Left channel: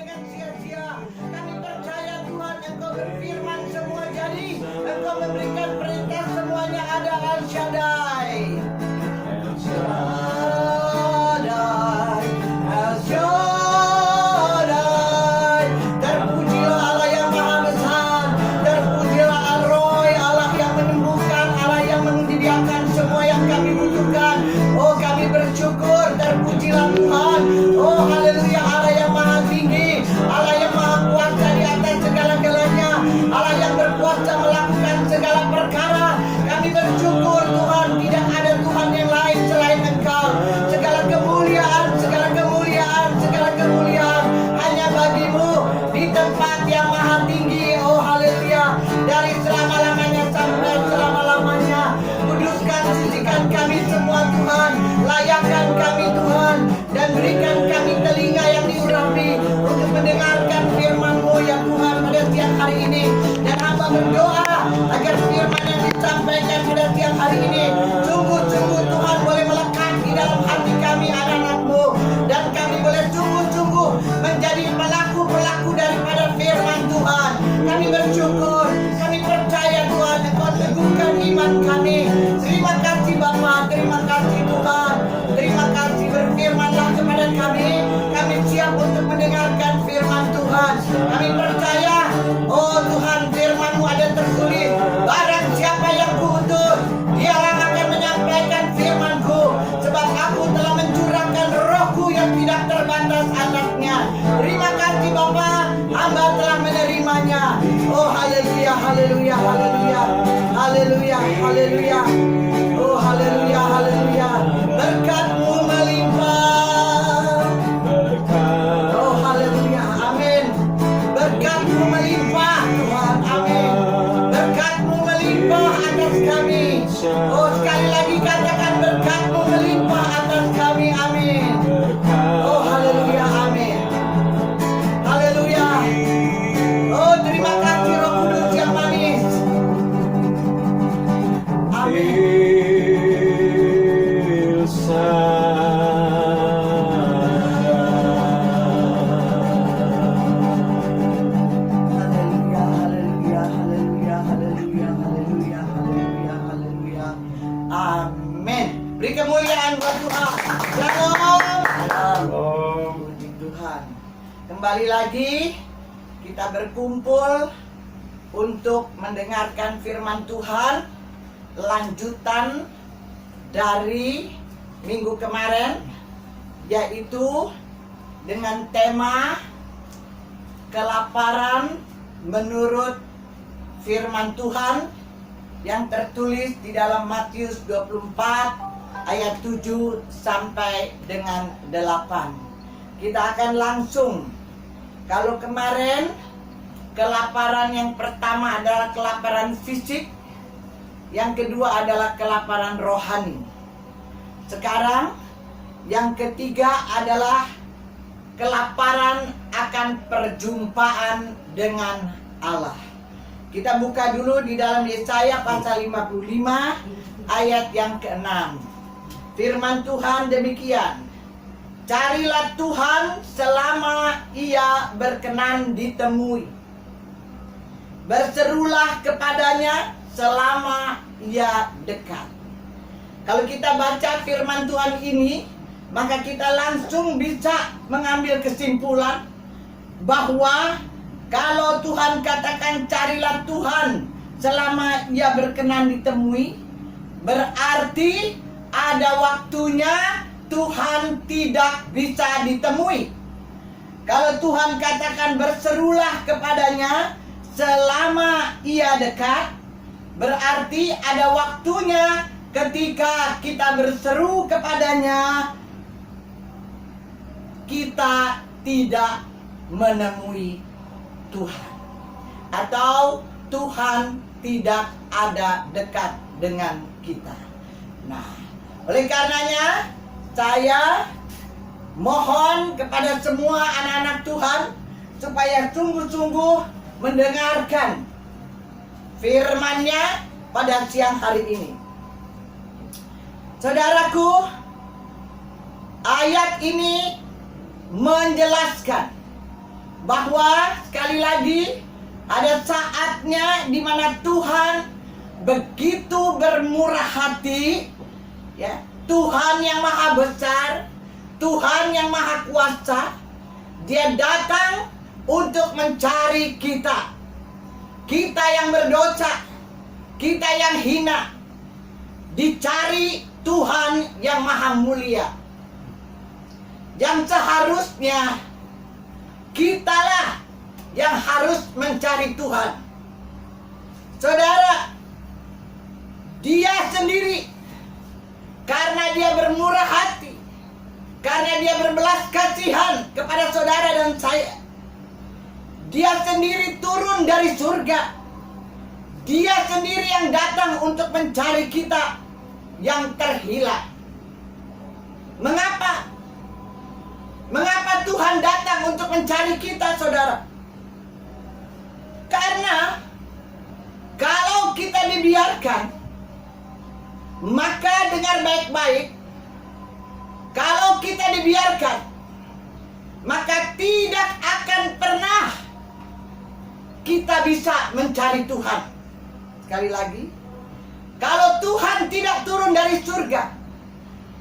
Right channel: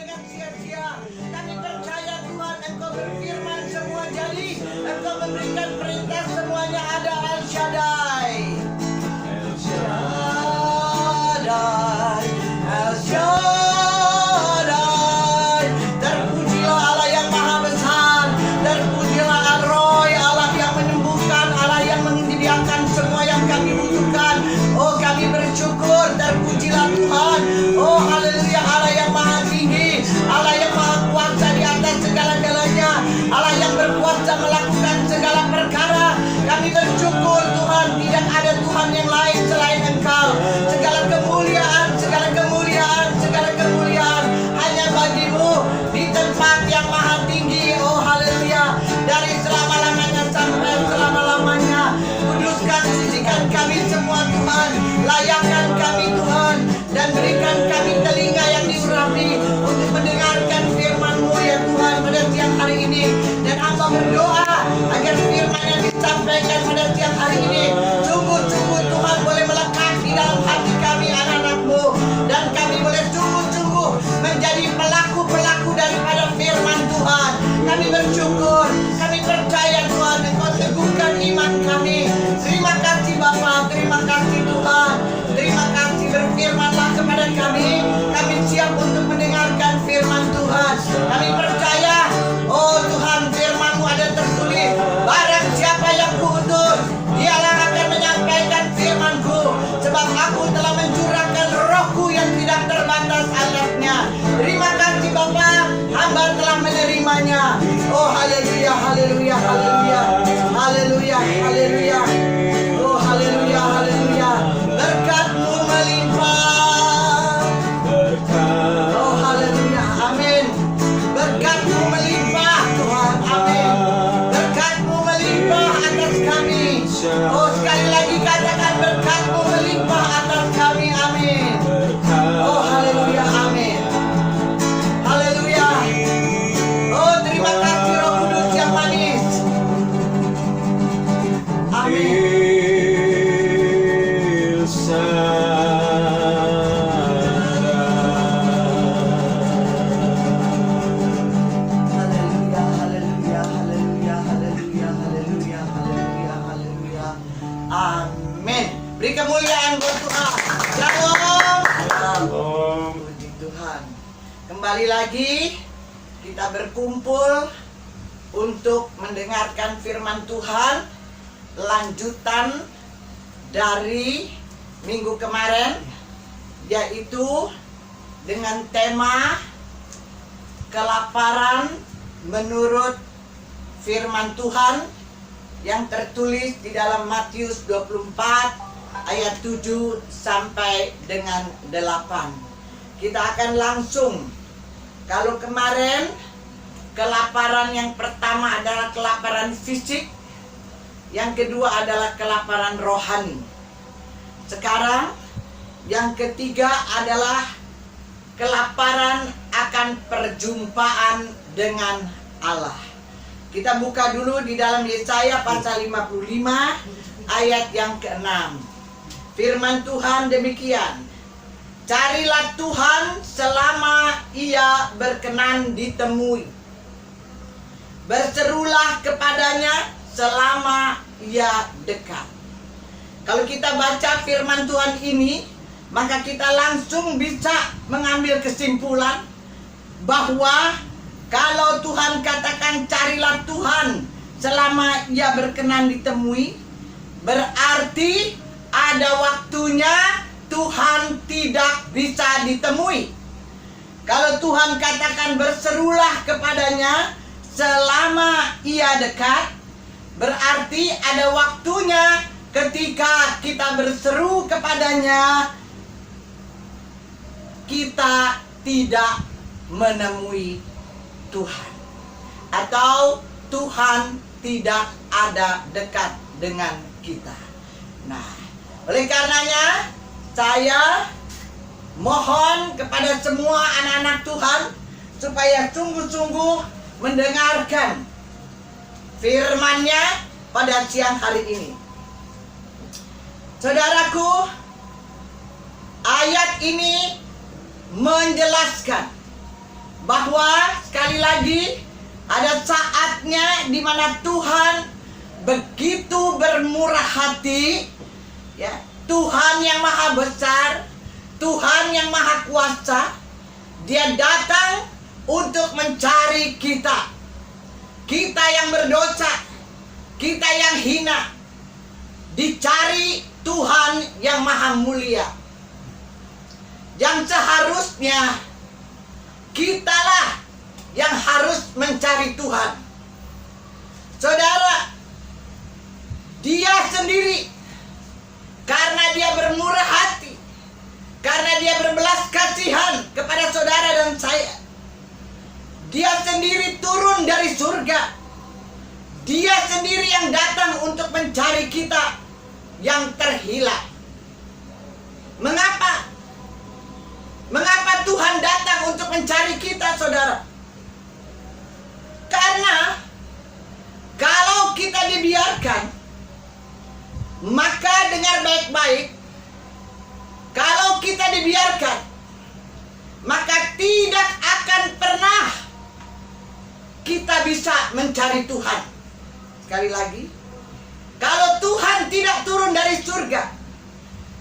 dengan sia-sia. Kami percaya Tuhan, Engkau berfirman semua jadi. Engkau memberikan perintah semuanya ada. El Shaddai, El Shaddai, El Shaddai. Terpujilah Allah yang maha besar. Terpujilah Al-Roy, Allah yang menyembuhkan, Allah yang menyediakan semua yang kami butuhkan. Oh, kami bersyukur. Terpujilah Tuhan. Oh, haleluya. Allah yang maha tinggi, Allah yang maha kuasa di atas segala-galanya, Allah yang berkuasa melakukan segala perkara. Kami bersyukur Tuhan, tidak ada Tuhan yang lain selain Engkau. Segala kemuliaan, segala kemuliaan, segala kemuliaan hanya bagimu di tempat yang maha tinggi. Oh, haleluya. Dari selama-lamanya sampai selama-lamanya. Kuduskan, sucikan kami semua Tuhan. Layakkan kami Tuhan, dan berikan kami telinga yang diurapi untuk mendengarkan firman-Mu ya Tuhan pada siang hari ini. Dan hamba berdoa agar firman yang disampaikan pada siang hari ini sungguh-sungguh Tuhan boleh melekat di dalam hati kami anak-anak-Mu, dan kami boleh sungguh-sungguh menjadi pelaku-pelaku daripada firman Tuhan. Kami bersyukur, kami percaya Tuhan, Engkau teguhkan iman kami. Terima kasih Bapa, terima kasih Tuhan. Terima kasih, berfirmanlah kepada kami. Kami siap untuk mendengarkan firman Tuhan. Kami percaya, oh Tuhan, firman-Mu ada tertulis, barang siapa yang Kuutus, dialah akan menyampaikan firman-Ku, sebab Aku telah mencurahkan Roh-Ku yang tidak terbatas atasnya. Terima kasih Bapa, hamba telah menerimanya. Oh haleluya, haleluya, haleluya, haleluya, haleluya. Oh haleluya, haleluya. Berkat-Mu melimpah. Oh haleluya, amin. Berkat-Mu melimpah Tuhan, amin. Berkat-Mu melimpah atas kami. Oh sekali lagi katakan, berkat-Mu melimpah atas kami, amin. Oh haleluya, amin. Haleluya. Oh terima kasih Roh Kudus yang manis. Amin. Beri kemuliaan buat Tuhan. Shalom. Shalom. Puji Tuhan. Kembali lagi kita berkumpul untuk mendengarkan firman Tuhan, lanjutan dari minggu kemarin, yaitu dengan tema kelaparan menurut firman Tuhan yang tertulis di dalam Matius 24 ayat 7 sampai dengan 8. Kita akan langsung, kalau kemarin kelaparan yang pertama adalah kelaparan fisik, yang kedua adalah kelaparan rohani. Sekarang yang ketiga adalah kelaparan akan perjumpaan dengan Allah. Kita buka dulu di dalam Yesaya pasal 55 ayat yang ke-6. Firman Tuhan demikian, carilah Tuhan selama Ia berkenan ditemui. Berserulah kepadanya selama Ia dekat. Kalau kita baca firman Tuhan ini, maka kita langsung bisa mengambil kesimpulan bahwa kalau Tuhan katakan carilah Tuhan selama Ia berkenan ditemui, berarti ada waktunya Tuhan tidak bisa ditemui. Kalau Tuhan katakan berserulah kepadanya selama Ia dekat, berarti ada waktunya ketika kita berseru kepadanya, kita tidak menemui Tuhan, atau Tuhan tidak ada dekat dengan kita. Nah, oleh karenanya saya mohon kepada semua anak-anak Tuhan supaya sungguh-sungguh mendengarkan firman-Nya pada siang hari ini. Saudaraku, ayat ini menjelaskan bahwa sekali lagi ada saatnya di mana Tuhan begitu bermurah hati, ya, Tuhan yang maha besar, Tuhan yang maha kuasa, Dia datang untuk mencari kita. Kita yang berdosa, kita yang hina, dicari Tuhan yang maha mulia. Yang seharusnya kitalah yang harus mencari Tuhan. Saudara, Dia sendiri, karena Dia bermurah hati, karena Dia berbelas kasihan kepada saudara dan saya, Dia sendiri turun dari surga. Dia sendiri yang datang untuk mencari kita yang terhilang. Mengapa? Mengapa Tuhan datang untuk mencari kita, saudara? Karena kalau kita dibiarkan, maka dengar baik-baik, kalau kita dibiarkan, maka tidak akan pernah kita bisa mencari Tuhan. Sekali lagi, kalau Tuhan tidak turun dari surga,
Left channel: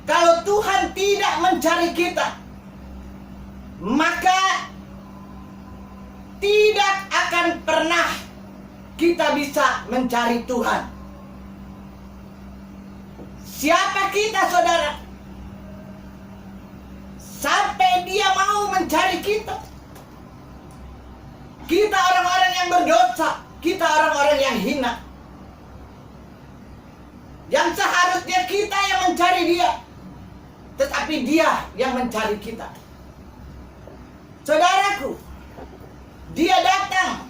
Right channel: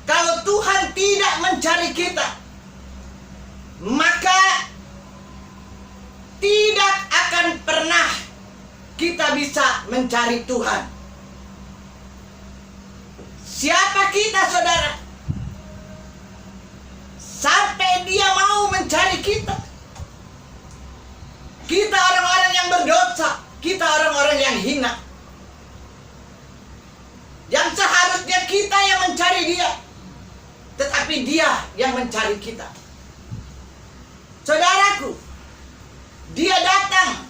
kalau Tuhan tidak mencari kita, maka tidak akan pernah kita bisa mencari Tuhan. Siapa kita, saudara? Sampai Dia mau mencari kita. Kita orang-orang yang berdosa, kita orang-orang yang hina, yang seharusnya kita yang mencari Dia, tetapi Dia yang mencari kita. Saudaraku, Dia datang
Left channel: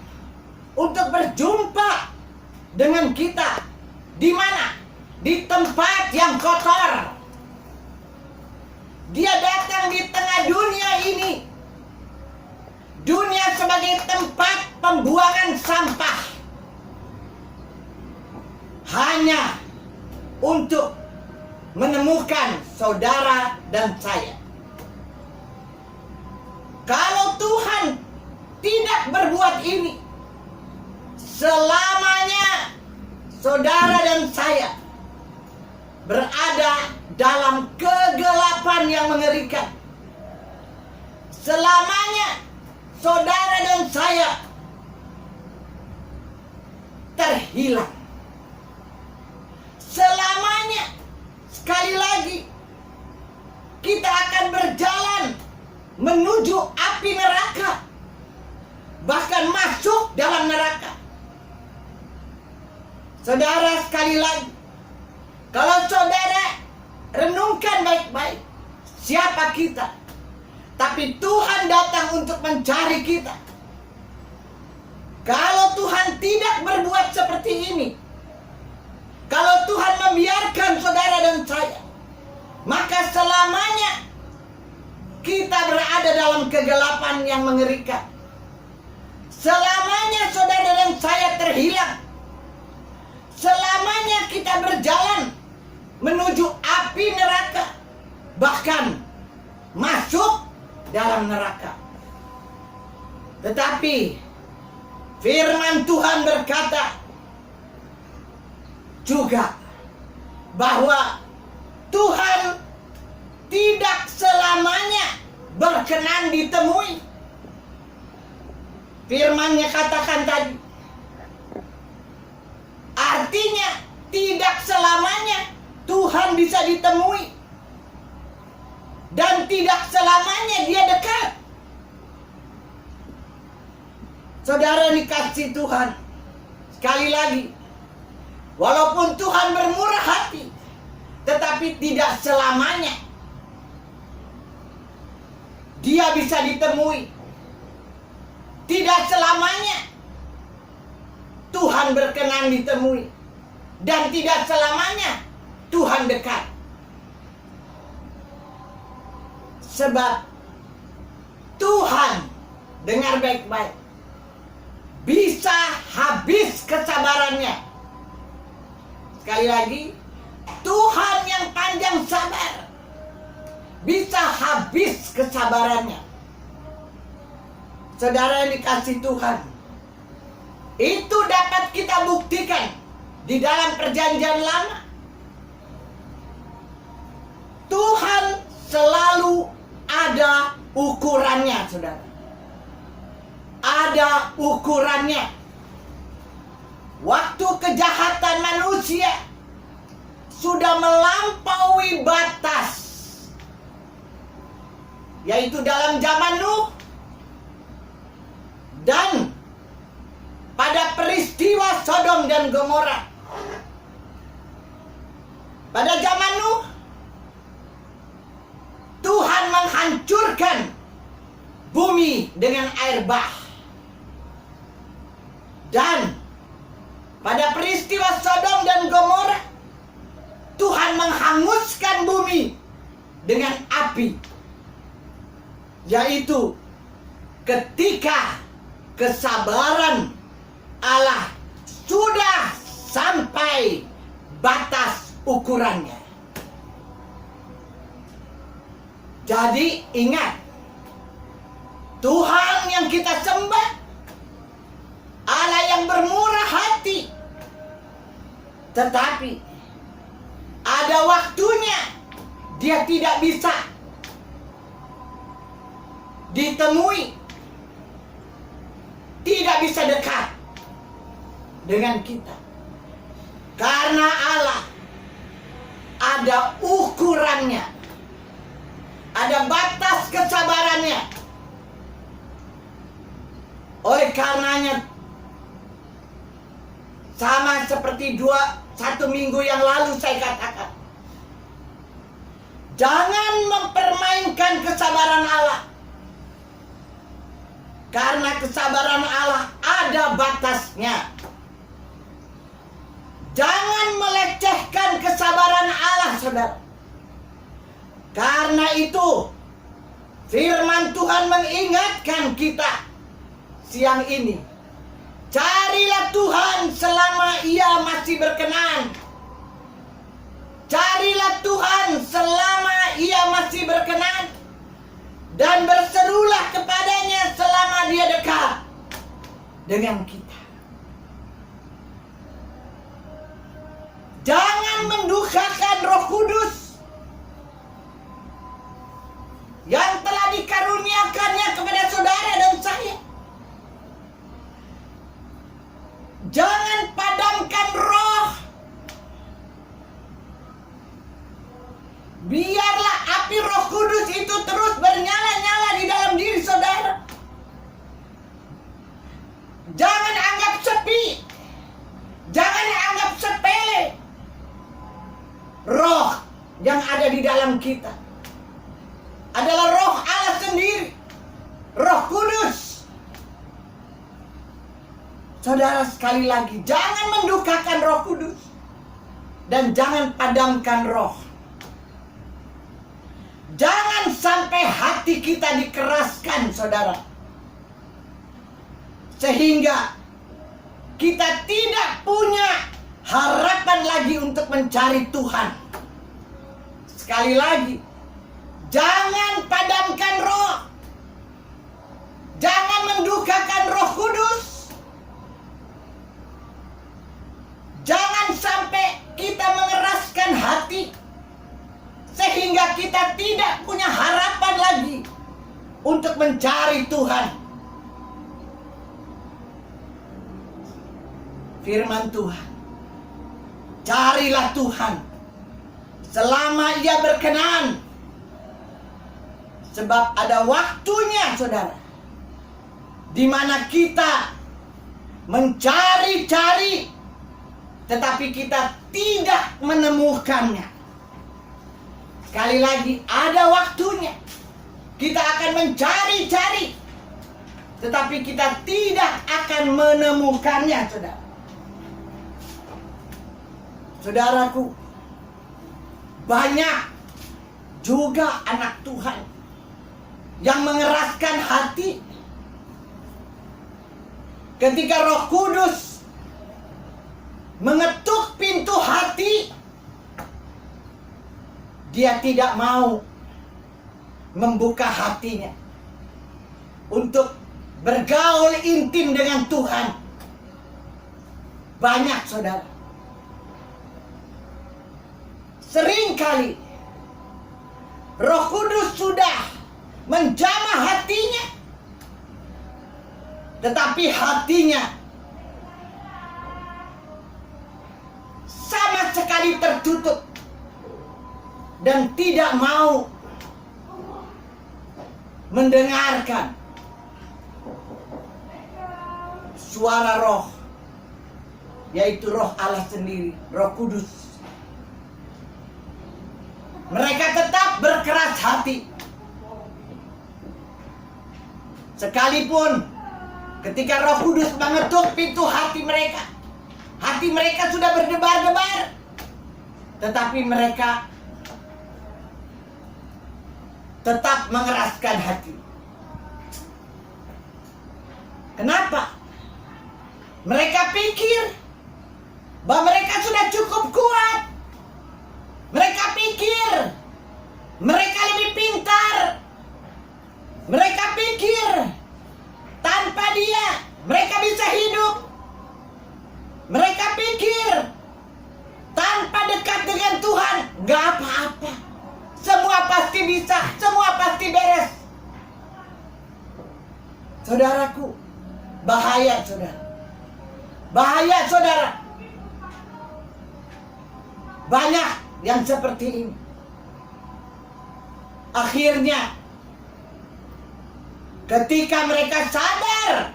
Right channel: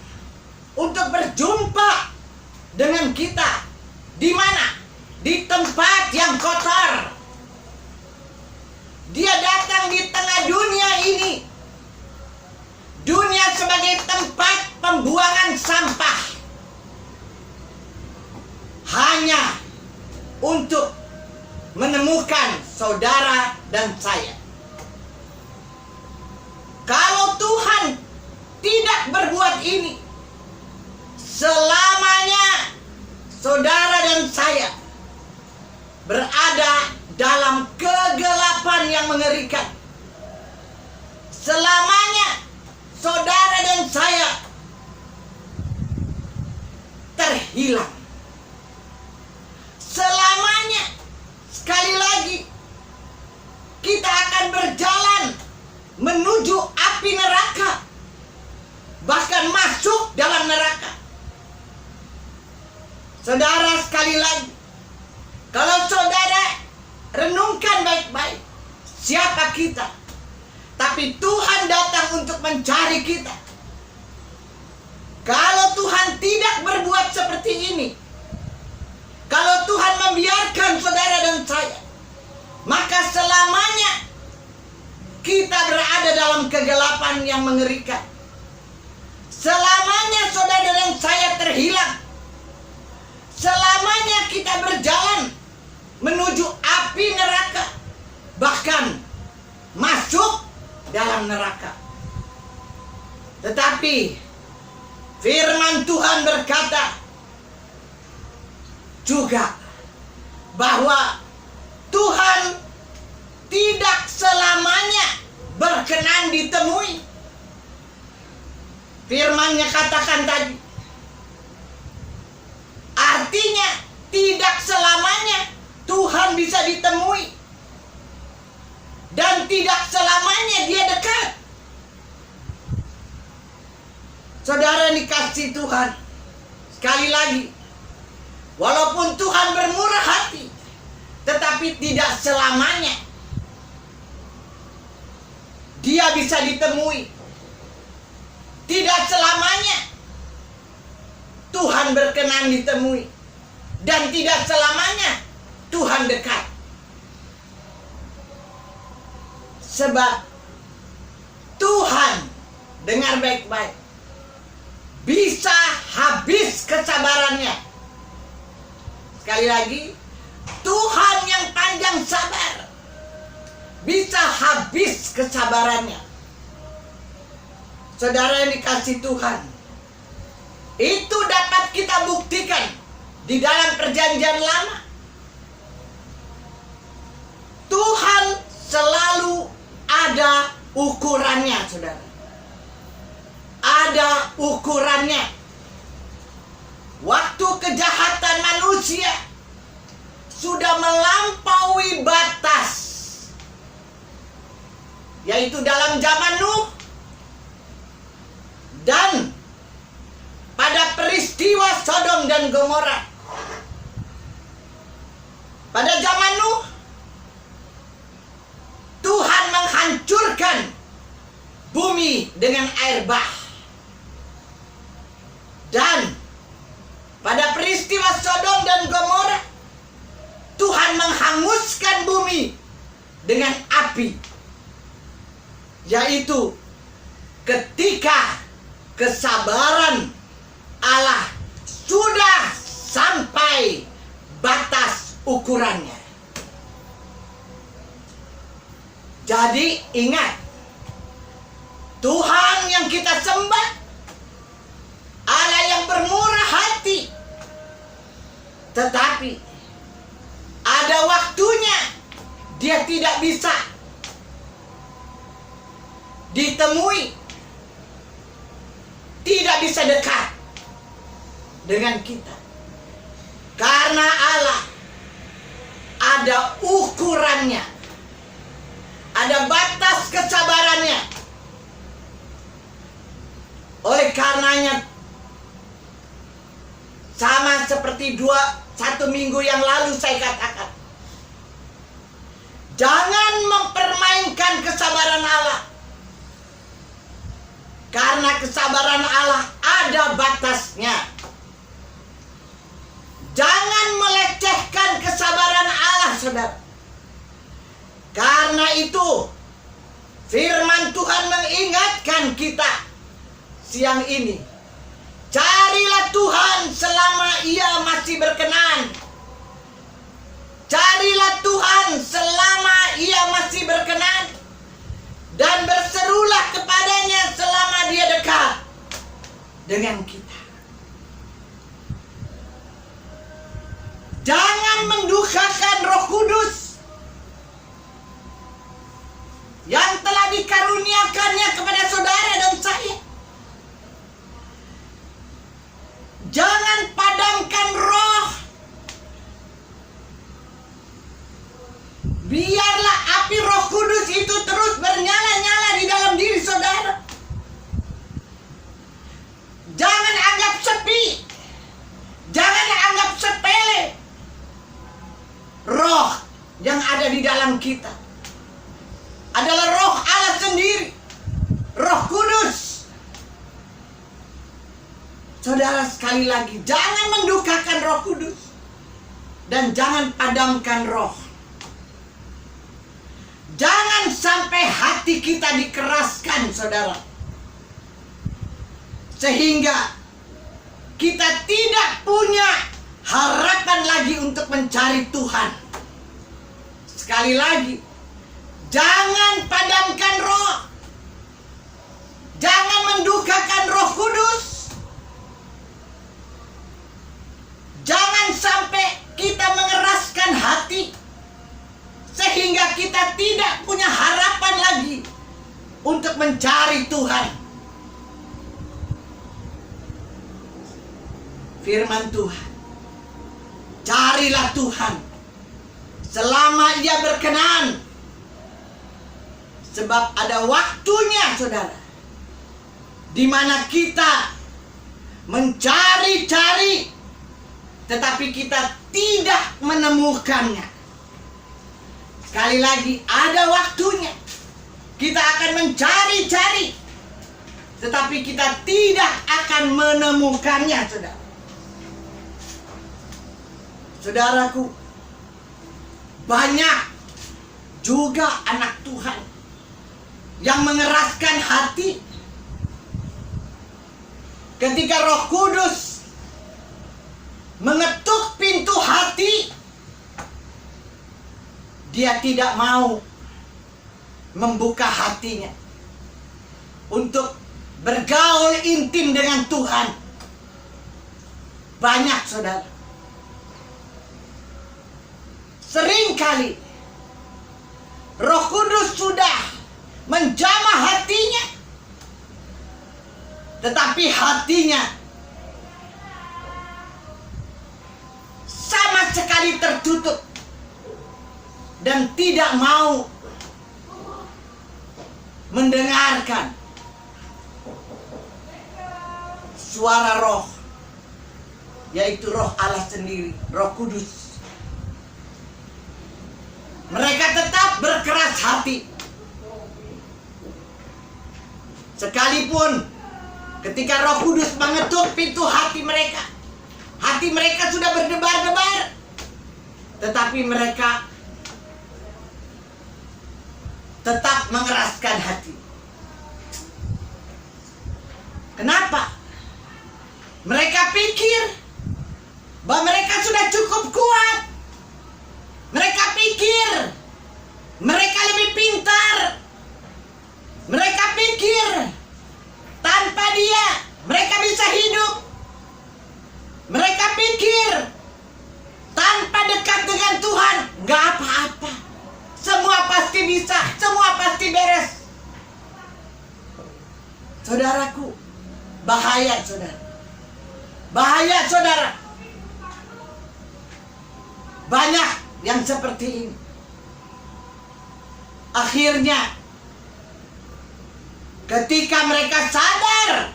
untuk berjumpa dengan kita. Di mana? Di tempat yang kotor. Dia datang di tengah dunia ini, dunia sebagai tempat pembuangan sampah, hanya untuk menemukan saudara dan saya. Kalau Tuhan tidak berbuat ini, selamanya saudara dan saya berada dalam kegelapan yang mengerikan. Selamanya saudara dan saya terhilang. Selamanya, sekali lagi, kita akan berjalan menuju api neraka, bahkan masuk dalam neraka. Saudara, sekali lagi, kalau saudara renungkan baik-baik, siapa kita? Tapi Tuhan datang untuk mencari kita. Kalau Tuhan tidak berbuat seperti ini, kalau Tuhan membiarkan saudara dan saya, maka selamanya kita berada dalam kegelapan yang mengerikan. Selamanya saudara dan saya terhilang. Selamanya kita berjalan menuju api neraka, bahkan masuk dalam neraka. Tetapi firman Tuhan berkata juga bahwa Tuhan tidak selamanya berkenan ditemui. Firman-Nya katakan tadi, artinya tidak selamanya Tuhan bisa ditemui, dan tidak selamanya Dia dekat. Saudara dikasih Tuhan, sekali lagi, walaupun Tuhan bermurah hati, tetapi tidak selamanya Dia bisa ditemui. Tidak selamanya Tuhan berkenan ditemui, dan tidak selamanya Tuhan dekat. Sebab Tuhan, dengar baik-baik, bisa habis kesabarannya. Sekali lagi, Tuhan yang panjang sabar bisa habis kesabarannya. Saudara yang dikasih Tuhan, itu dapat kita buktikan di dalam perjanjian lama. Tuhan selalu ada ukurannya, saudara. Ada ukurannya. Waktu kejahatan manusia sudah melampaui batas, yaitu dalam zaman Nuh, dan pada peristiwa Sodom dan Gomora. Pada zaman Nuh, Tuhan menghancurkan bumi dengan air bah. Dan pada peristiwa Sodom dan Gomora, Tuhan menghanguskan bumi dengan api. Yaitu ketika kesabaran Allah sudah sampai batas ukurannya. Jadi ingat, Tuhan yang kita sembah, Allah yang bermurah hati. Tetapi ada waktunya Dia tidak bisa ditemui, tidak bisa dekat dengan kita. Karena Allah ada ukurannya, ada batas kesabarannya. Oleh karenanya, sama seperti satu minggu yang lalu saya katakan, jangan mempermainkan kesabaran Allah. Karena kesabaran Allah ada batasnya. Jangan melecehkan kesabaran Allah, saudara. Karena itu firman Tuhan mengingatkan kita siang ini. Carilah Tuhan selama Ia masih berkenan. Carilah Tuhan selama Ia masih berkenan. Dan berserulah kepadanya selama Dia dekat dengan kita. Jangan mendukakan Roh Kudus yang telah dikaruniakannya kepada saudara dan saya. Jangan padamkan roh. Biarlah api Roh Kudus itu terus bernyala-nyala di dalam diri saudara. Jangan anggap sepi. Jangan anggap sepele roh yang ada di dalam kita. Adalah roh Allah sendiri, Roh Kudus. Saudara, sekali lagi, jangan mendukakan Roh Kudus dan jangan padamkan roh. Jangan sampai hati kita dikeraskan, saudara, sehingga kita tidak punya harapan lagi untuk mencari Tuhan. Sekali lagi, jangan padamkan roh. Jangan mendukakan Roh Kudus. Jangan sampai kita mengeraskan hati sehingga kita tidak punya harapan lagi untuk mencari Tuhan. Firman Tuhan, carilah Tuhan selama Ia berkenan. Sebab ada waktunya, saudara, di mana kita mencari-cari, tetapi kita tidak menemukannya. Sekali lagi, ada waktunya kita akan mencari-cari, tetapi kita tidak akan menemukannya, saudara. Saudaraku, banyak juga anak Tuhan yang mengeraskan hati ketika Roh Kudus mengetuk pintu hati. Dia tidak mau membuka hatinya untuk bergaul intim dengan Tuhan. Banyak saudara. Seringkali Roh Kudus sudah menjamah hatinya, tetapi hatinya sama sekali tertutup dan tidak mau mendengarkan suara Roh, yaitu Roh Allah sendiri, Roh Kudus. Mereka tetap berkeras hati. Sekalipun ketika Roh Kudus mengetuk pintu hati mereka sudah berdebar-debar, tetapi mereka tetap mengeraskan hati. Kenapa? Mereka pikir bahwa mereka sudah cukup kuat. Mereka pikir mereka lebih pintar. Mereka pikir tanpa Dia mereka bisa hidup. Mereka pikir tanpa dekat dengan Tuhan nggak apa-apa. Semua pasti bisa, semua pasti beres. Saudaraku, bahaya saudara. Bahaya saudara. Banyak yang seperti ini. Akhirnya ketika mereka sadar,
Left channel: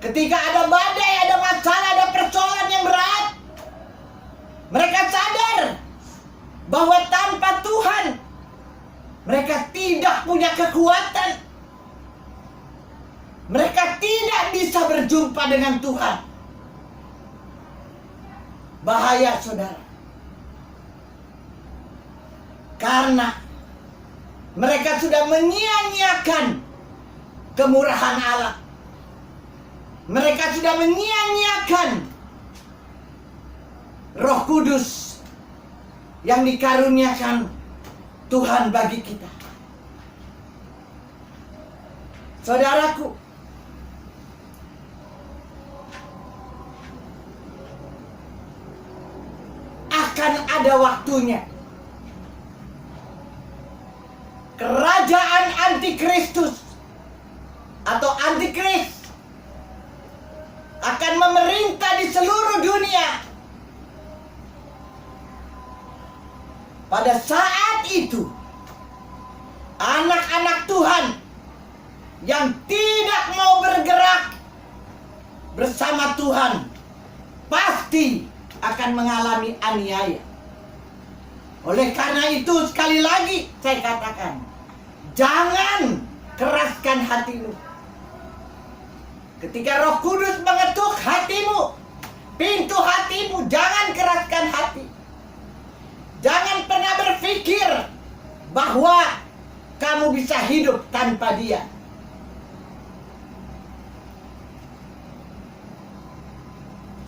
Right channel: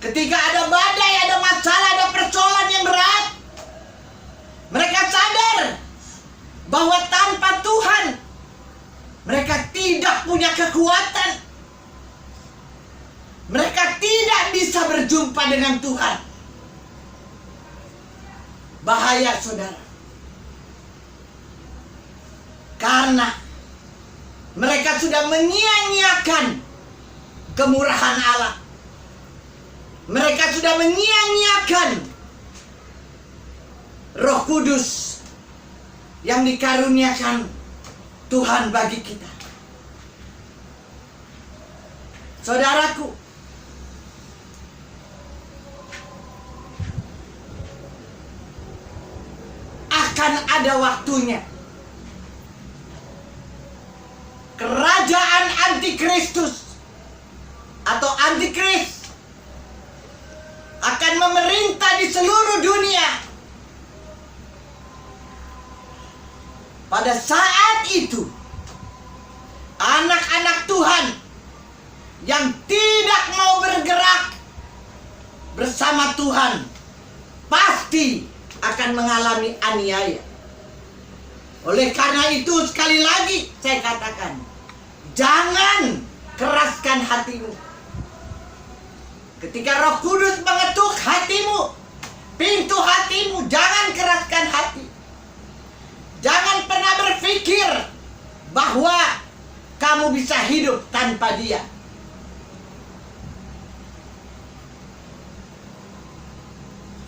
ketika ada badai, ada masalah, ada persoalan yang berat, mereka sadar bahwa tanpa Tuhan mereka tidak punya kekuatan. Mereka tidak bisa berjumpa dengan Tuhan. Bahaya saudara. Karena mereka sudah menyia-nyiakan kemurahan Allah. Mereka sudah menyia-nyiakan Roh Kudus yang dikaruniakan Tuhan bagi kita. Saudaraku, akan ada waktunya kerajaan antikristus atau antikris akan memerintah di seluruh dunia. Pada saat itu, anak-anak Tuhan yang tidak mau bergerak bersama Tuhan pasti akan mengalami aniaya. Oleh karena itu, sekali lagi saya katakan, jangan keraskan hatimu. Ketika Roh Kudus mengetuk hatimu, pintu hatimu, jangan keraskan hati. Jangan pernah berpikir bahwa kamu bisa hidup tanpa Dia.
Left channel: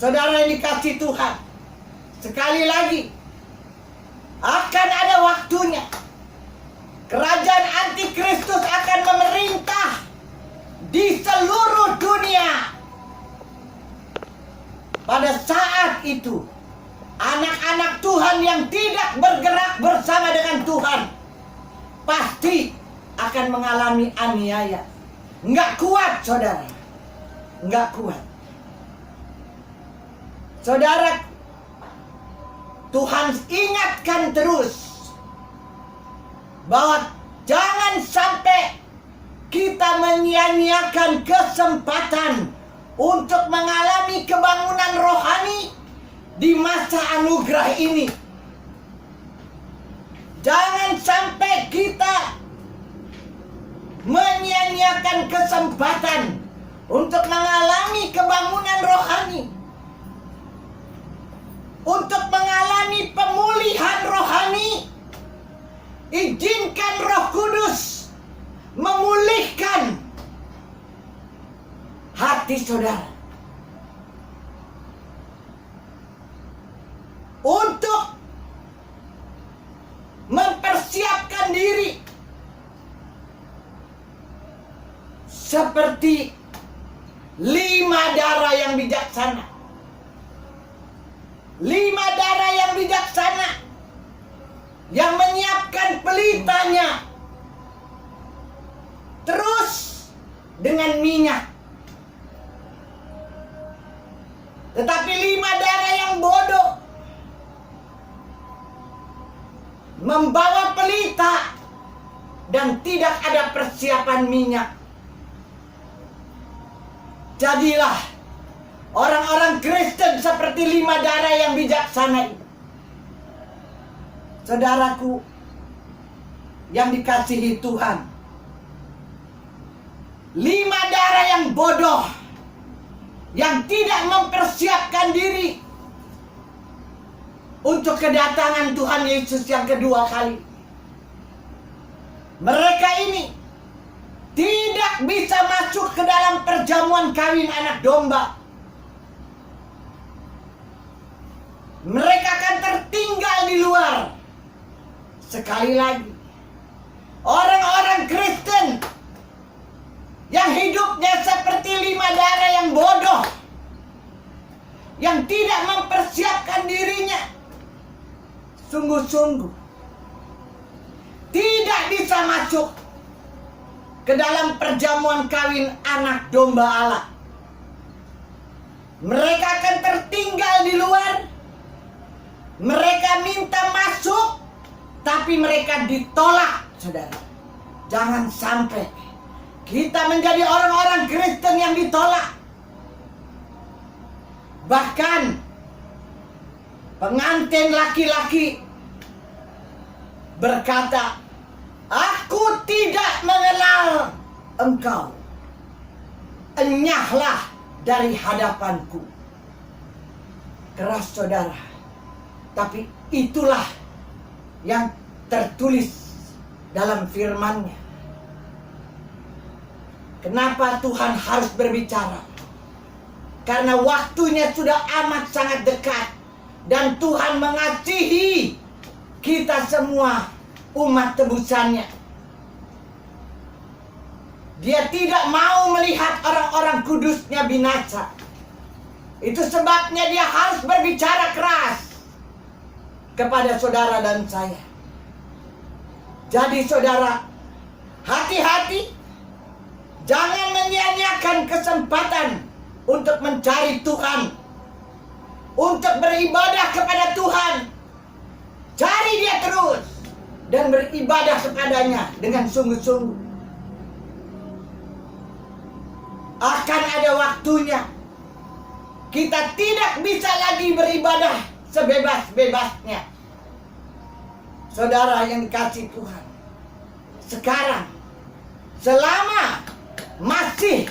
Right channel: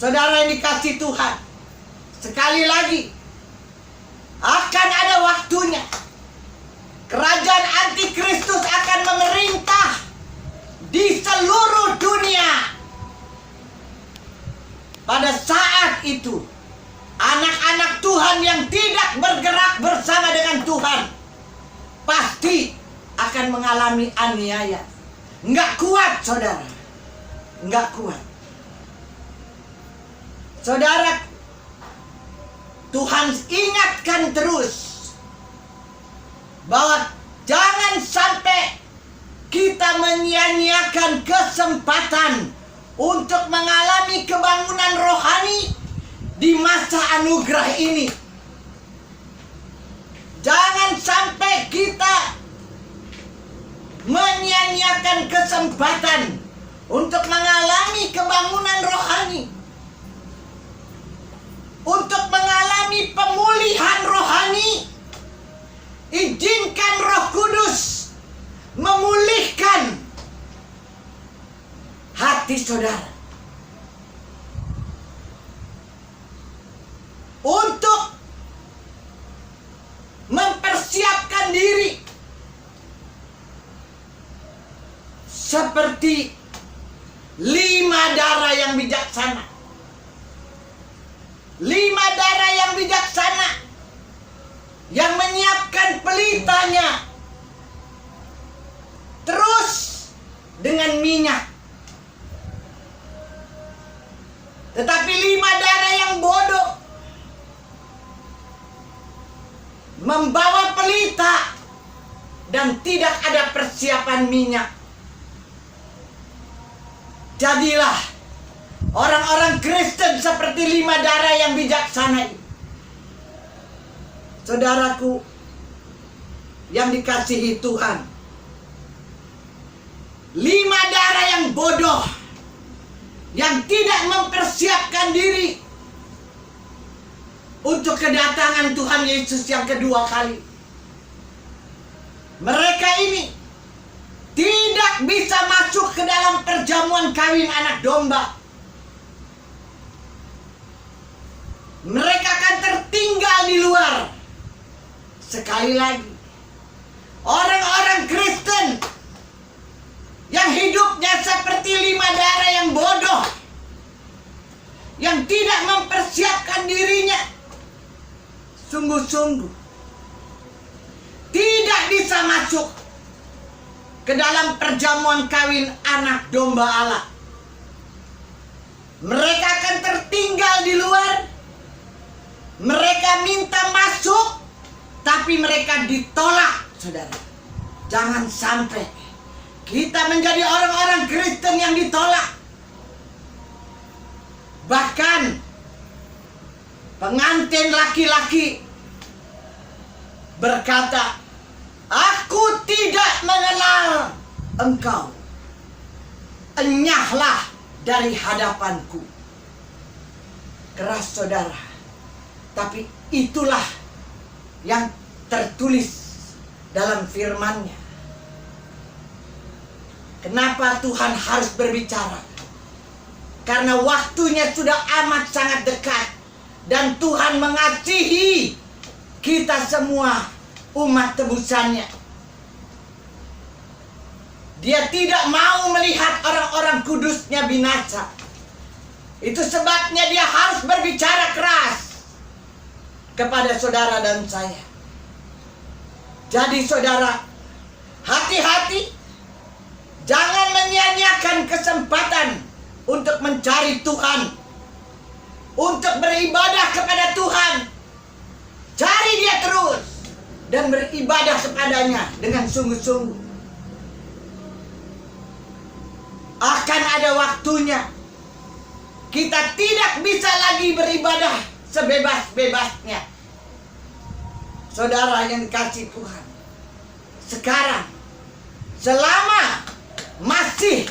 Saudara yang dikasihi Tuhan, sekali lagi, akan ada waktunya kerajaan antikristus akan memerintah di seluruh dunia. Pada saat itu, anak-anak Tuhan yang tidak bergerak bersama dengan Tuhan pasti akan mengalami aniaya. Enggak kuat saudara, enggak kuat. Saudara, Tuhan ingatkan terus bahwa jangan sampai kita menyia-nyiakan kesempatan untuk mengalami kebangunan rohani di masa anugerah ini. Jangan sampai kita menyia-nyiakan kesempatan untuk mengalami kebangunan rohani, untuk mengalami pemulihan rohani. Izinkan Roh Kudus memulihkan hati saudara untuk mempersiapkan diri seperti 5 darah yang bijaksana. 5 darah yang bijaksana yang menyiapkan pelitanya terus dengan minyak. Tetapi 5 darah yang bodoh membawa pelita dan tidak ada persiapan minyak. Jadilah orang-orang Kristen seperti 5 darah yang bijaksana ini. Saudaraku yang dikasihi Tuhan, 5 darah yang bodoh, yang tidak mempersiapkan diri untuk kedatangan Tuhan Yesus yang kedua kali. Mereka ini tidak bisa masuk ke dalam perjamuan kawin anak domba. Mereka akan tertinggal di luar. Sekali lagi, orang-orang Kristen yang hidupnya seperti 5 darah yang bodoh, yang tidak mempersiapkan dirinya, sungguh-sungguh tidak bisa masuk ke dalam perjamuan kawin anak domba Allah. Mereka akan tertinggal di luar. Mereka minta masuk, tapi mereka ditolak, saudara. Jangan sampai kita menjadi orang-orang Kristen yang ditolak. Bahkan pengantin laki-laki berkata, "Aku tidak mengenal engkau. Enyahlah dari hadapanku." Keras, saudara. Tapi itulah yang tertulis dalam firman-Nya. Kenapa Tuhan harus berbicara? Karena waktunya sudah amat sangat dekat. Dan Tuhan mengasihi kita semua umat tebusannya. Dia tidak mau melihat orang-orang kudusnya binasa. Itu sebabnya dia harus berbicara keras kepada saudara dan saya. Jadi saudara, hati-hati. Jangan menyia-nyiakan kesempatan untuk mencari Tuhan, untuk beribadah kepada Tuhan. Cari dia terus dan beribadah kepadanya dengan sungguh-sungguh. Akan ada waktunya kita tidak bisa lagi beribadah sebebas-bebasnya. Saudara yang dikasihi Tuhan, sekarang selama masih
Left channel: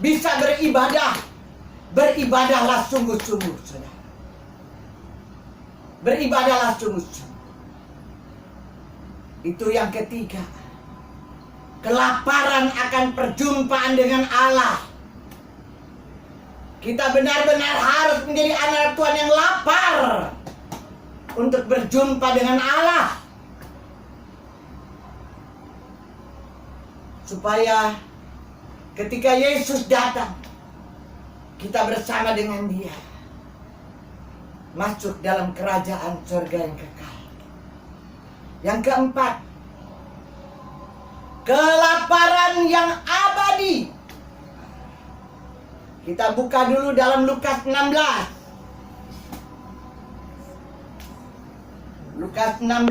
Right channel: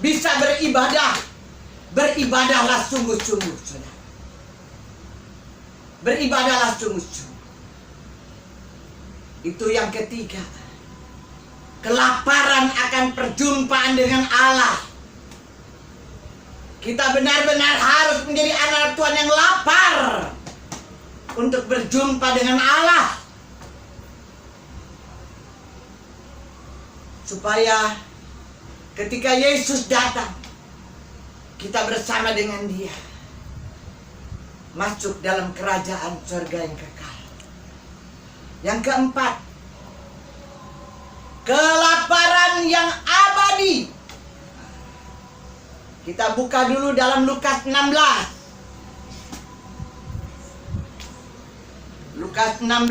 bisa beribadah, beribadahlah sungguh-sungguh, saudara. Beribadahlah sungguh-sungguh. Itu yang ketiga. Kelaparan akan perjumpaan dengan Allah. Kita benar-benar harus menjadi anak Tuhan yang lapar untuk berjumpa dengan Allah, supaya ketika Yesus datang, kita bersama dengan Dia masuk dalam kerajaan surga yang kekal. Yang keempat, kelaparan yang abadi. Kita buka dulu dalam Lukas 16. Lukas 16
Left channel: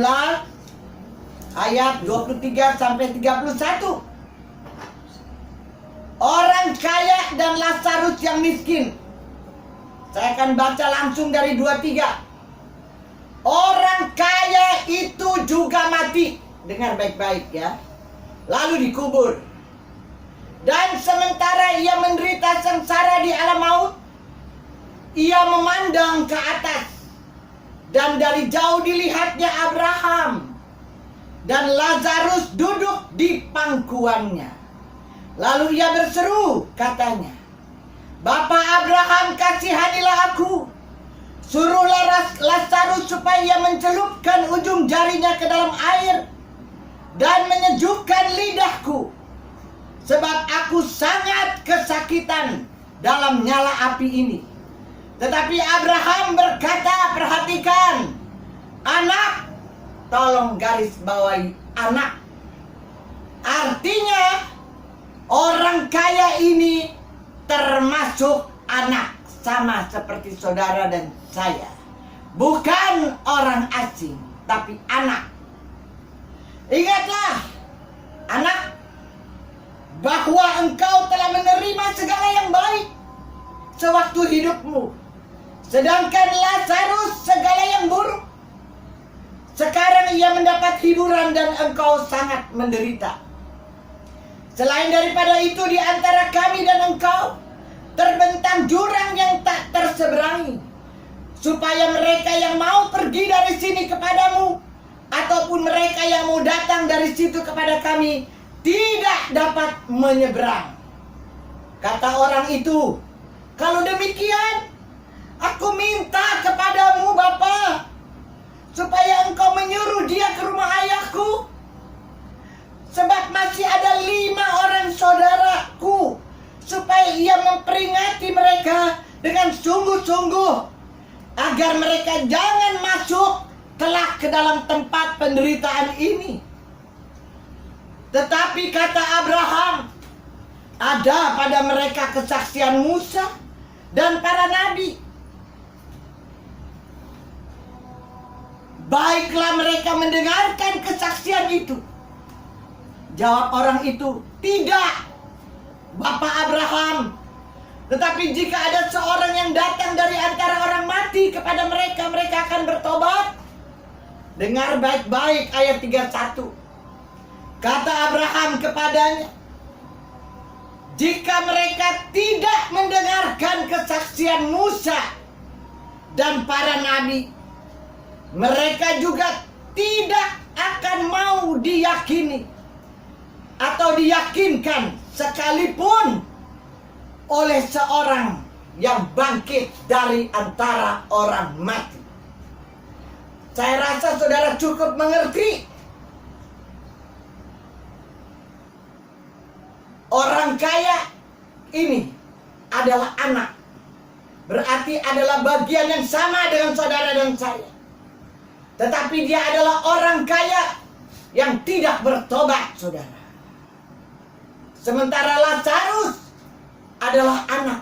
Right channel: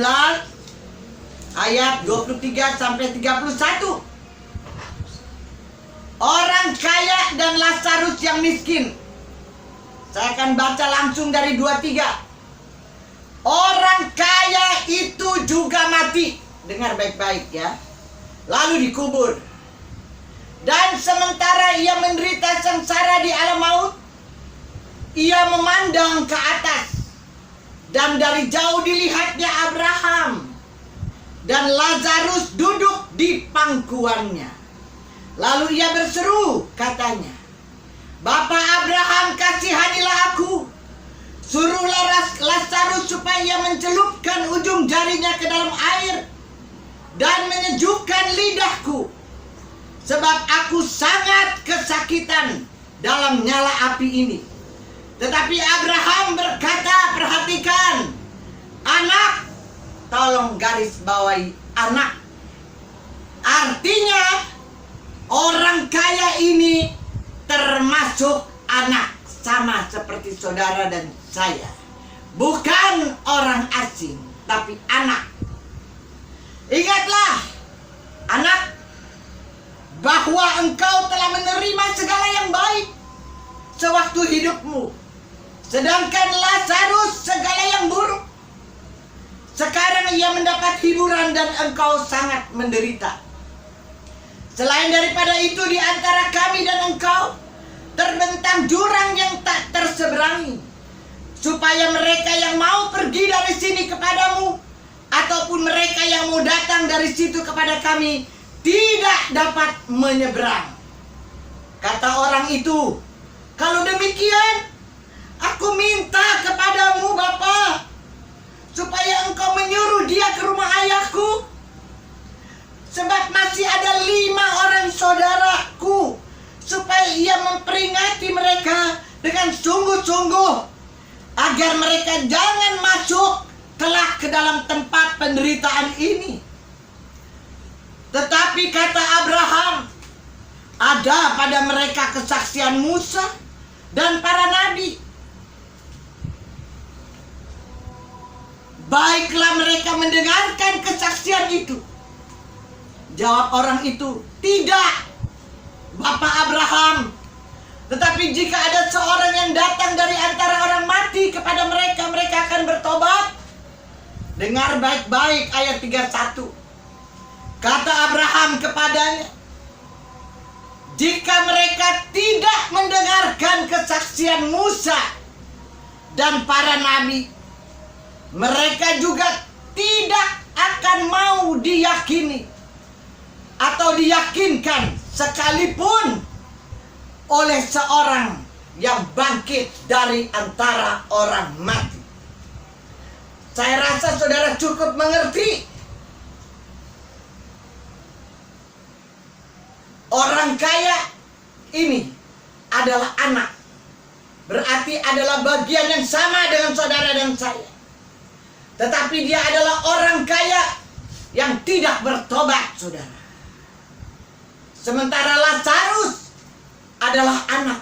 ayat 23 sampai 31. Orang kaya dan Lazarus yang miskin. Saya akan baca langsung dari 23. Orang kaya itu juga mati. Dengar baik-baik ya. Lalu dikubur. Dan sementara ia menderita sengsara di alam maut, ia memandang ke atas. Dan dari jauh dilihatnya Abraham dan Lazarus duduk di pangkuannya. Lalu ia berseru, katanya, "Bapa Abraham, kasihanilah aku. Suruhlah Lazarus supaya ia mencelupkan ujung jarinya ke dalam air dan menyejukkan lidahku, sebab aku sangat kesakitan dalam nyala api ini. Tetapi Abraham berkata, perhatikan, anak, tolong garis bawahi anak. Artinya orang kaya ini termasuk anak, sama seperti saudara dan saya. Bukan orang asing, tapi anak. Ingatlah, anak, bahwa engkau telah menerima segala yang baik sewaktu hidupmu, sedangkan Lazarus segala yang buruk. Sekarang ia mendapat hiburan dan engkau sangat menderita. Selain daripada itu, di antara kami dan engkau terbentang jurang yang tak terseberangi, supaya mereka yang mau pergi dari sini kepadamu, ataupun mereka yang mau datang dari situ kepada kami, tidak dapat menyeberang. Kata orang itu, kalau demikian, aku minta kepadamu Bapa, supaya engkau menyuruh dia ke rumah ayahku, sebab masih ada 5 orang saudaraku, supaya ia memperingati mereka dengan sungguh-sungguh, agar mereka jangan masuk kelak ke dalam tempat penderitaan ini. Tetapi kata Abraham, ada pada mereka kesaksian Musa dan para nabi. Baiklah mereka mendengarkan kesaksian itu. Jawab orang itu, tidak, Bapak Abraham. Tetapi jika ada seorang yang datang dari antara orang mati kepada mereka, mereka akan bertobat. Dengar baik-baik ayat 31. Kata Abraham kepadanya, jika mereka tidak mendengarkan kesaksian Musa dan para nabi, mereka juga tidak akan mau diyakini atau diyakinkan sekalipun oleh seorang yang bangkit dari antara orang mati. Saya rasa saudara cukup mengerti. Orang kaya ini adalah anak. Berarti adalah bagian yang sama dengan saudara dan saya. Tetapi dia adalah orang kaya yang tidak bertobat, saudara. Sementara Lazarus adalah anak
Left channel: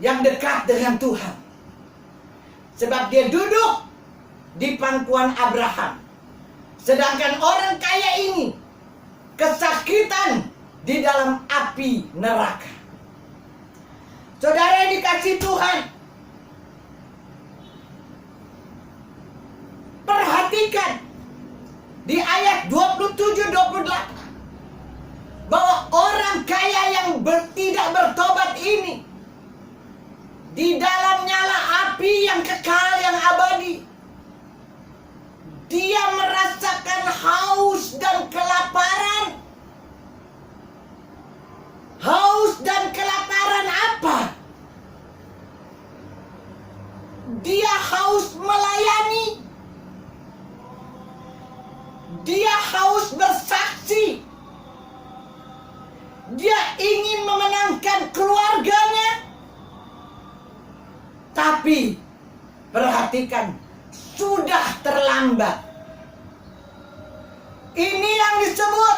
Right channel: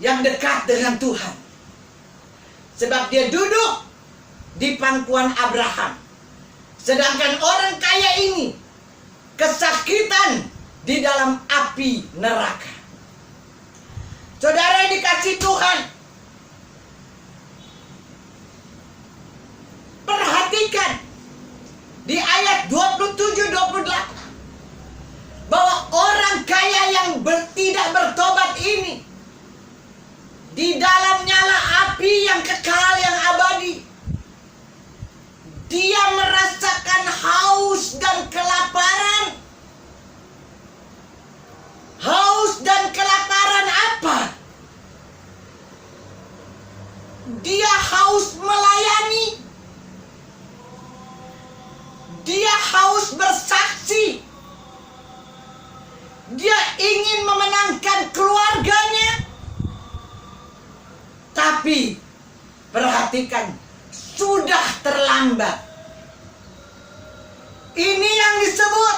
yang dekat dengan Tuhan. Sebab dia duduk di pangkuan Abraham. Sedangkan orang kaya ini kesakitan di dalam api neraka. Saudara yang dikasihi Tuhan, perhatikan di ayat 27-28 bahwa orang kaya yang tidak bertobat ini di dalam nyala api yang kekal, yang abadi, dia merasakan haus dan kelaparan. Haus dan kelaparan apa? Dia haus melayani. Dia haus bersaksi. Dia ingin memenangkan keluarganya. Tapi perhatikan, sudah terlambat. Ini yang disebut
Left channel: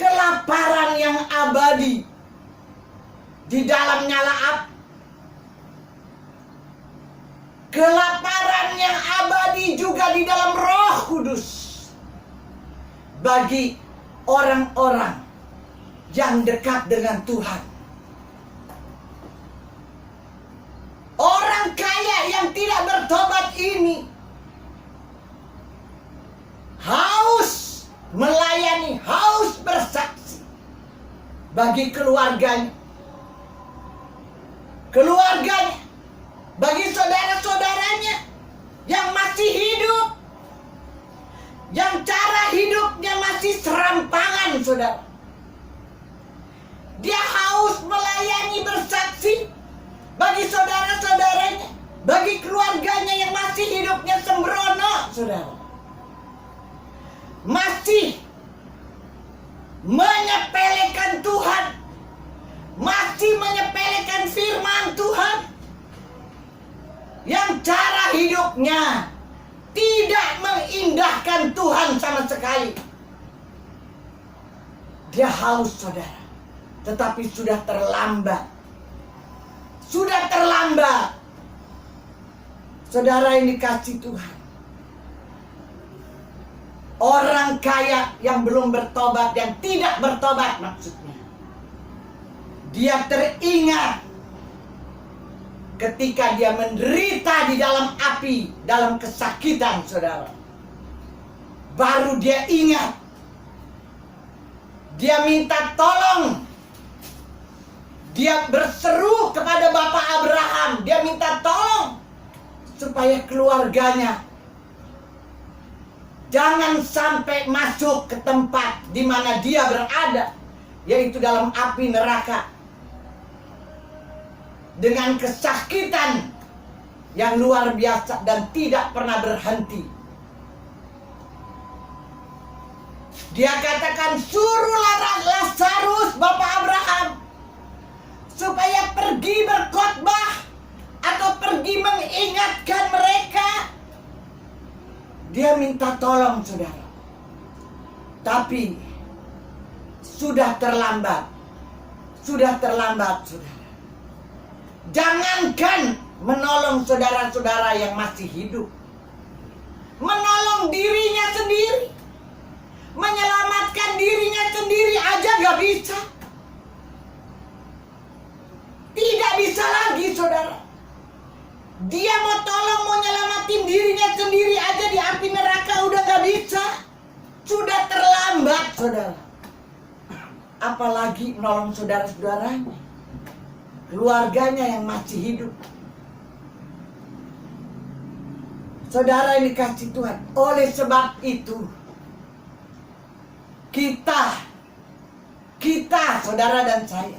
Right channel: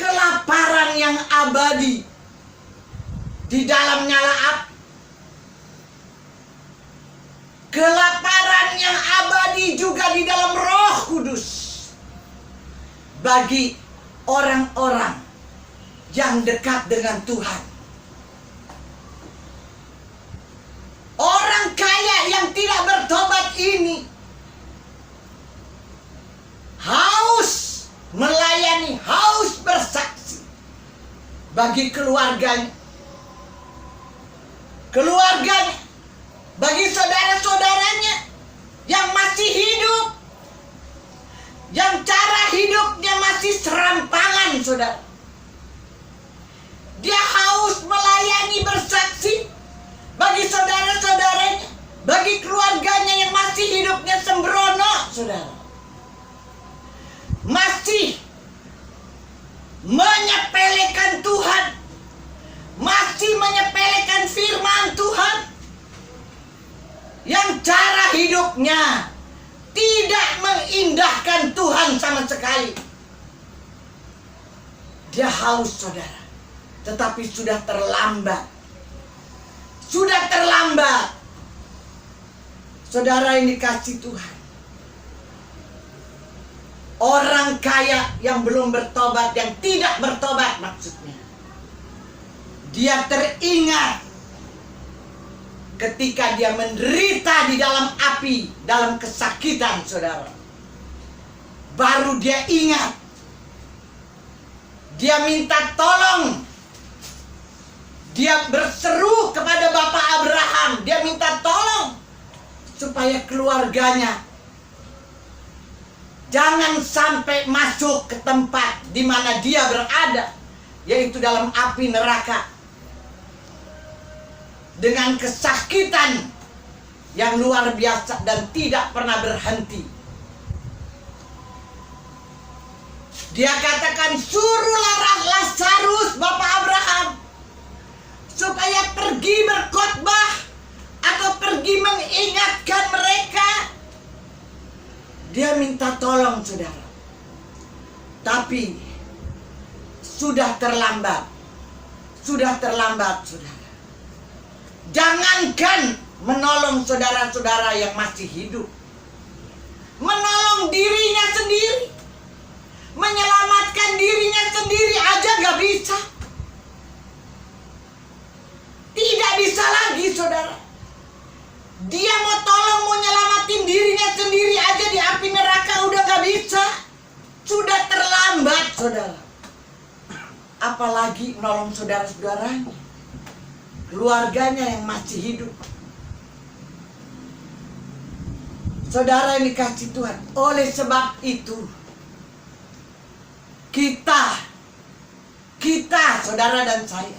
kelaparan yang abadi di dalam nyala api. Kelaparan yang abadi juga di dalam Roh Kudus bagi orang-orang yang dekat dengan Tuhan. Orang kaya yang tidak bertobat ini haus melayani, haus bersaksi bagi keluarganya, bagi saudara-saudaranya yang masih hidup, yang cara hidupnya masih serampangan, saudara. Dia haus melayani, bersaksi bagi saudara-saudaranya, bagi keluarganya yang masih hidupnya sembrono, saudara. Masih yang cara hidupnya tidak mengindahkan Tuhan sama sekali. Dia haus, saudara, tetapi sudah terlambat. Sudah terlambat. Saudara yang dikasihi Tuhan, orang kaya yang belum bertobat, yang tidak bertobat maksudnya, dia teringat ketika dia menderita di dalam api, dalam kesakitan, saudara. Baru dia ingat. Dia minta tolong. Dia berseru kepada Bapak Abraham. Dia minta tolong supaya keluarganya jangan sampai masuk ke tempat di mana dia berada, yaitu dalam api neraka, dengan kesakitan yang luar biasa dan tidak pernah berhenti. Dia katakan, suruhlah Lazarus, Bapak Abraham, supaya pergi berkhotbah atau pergi mengingatkan mereka. Dia minta tolong, saudara. Tapi sudah terlambat. Sudah terlambat, saudara. Jangankan menolong saudara-saudara yang masih hidup, menolong dirinya sendiri, menyelamatkan dirinya sendiri aja gak bisa. Tidak bisa lagi, saudara. Dia mau tolong, mau nyelamatin dirinya sendiri aja di api neraka udah gak bisa. Sudah terlambat, saudara. Apalagi nolong saudara-saudaranya, keluarganya yang masih hidup. Saudara yang dikasihi Tuhan, oleh sebab itu kita, saudara dan saya,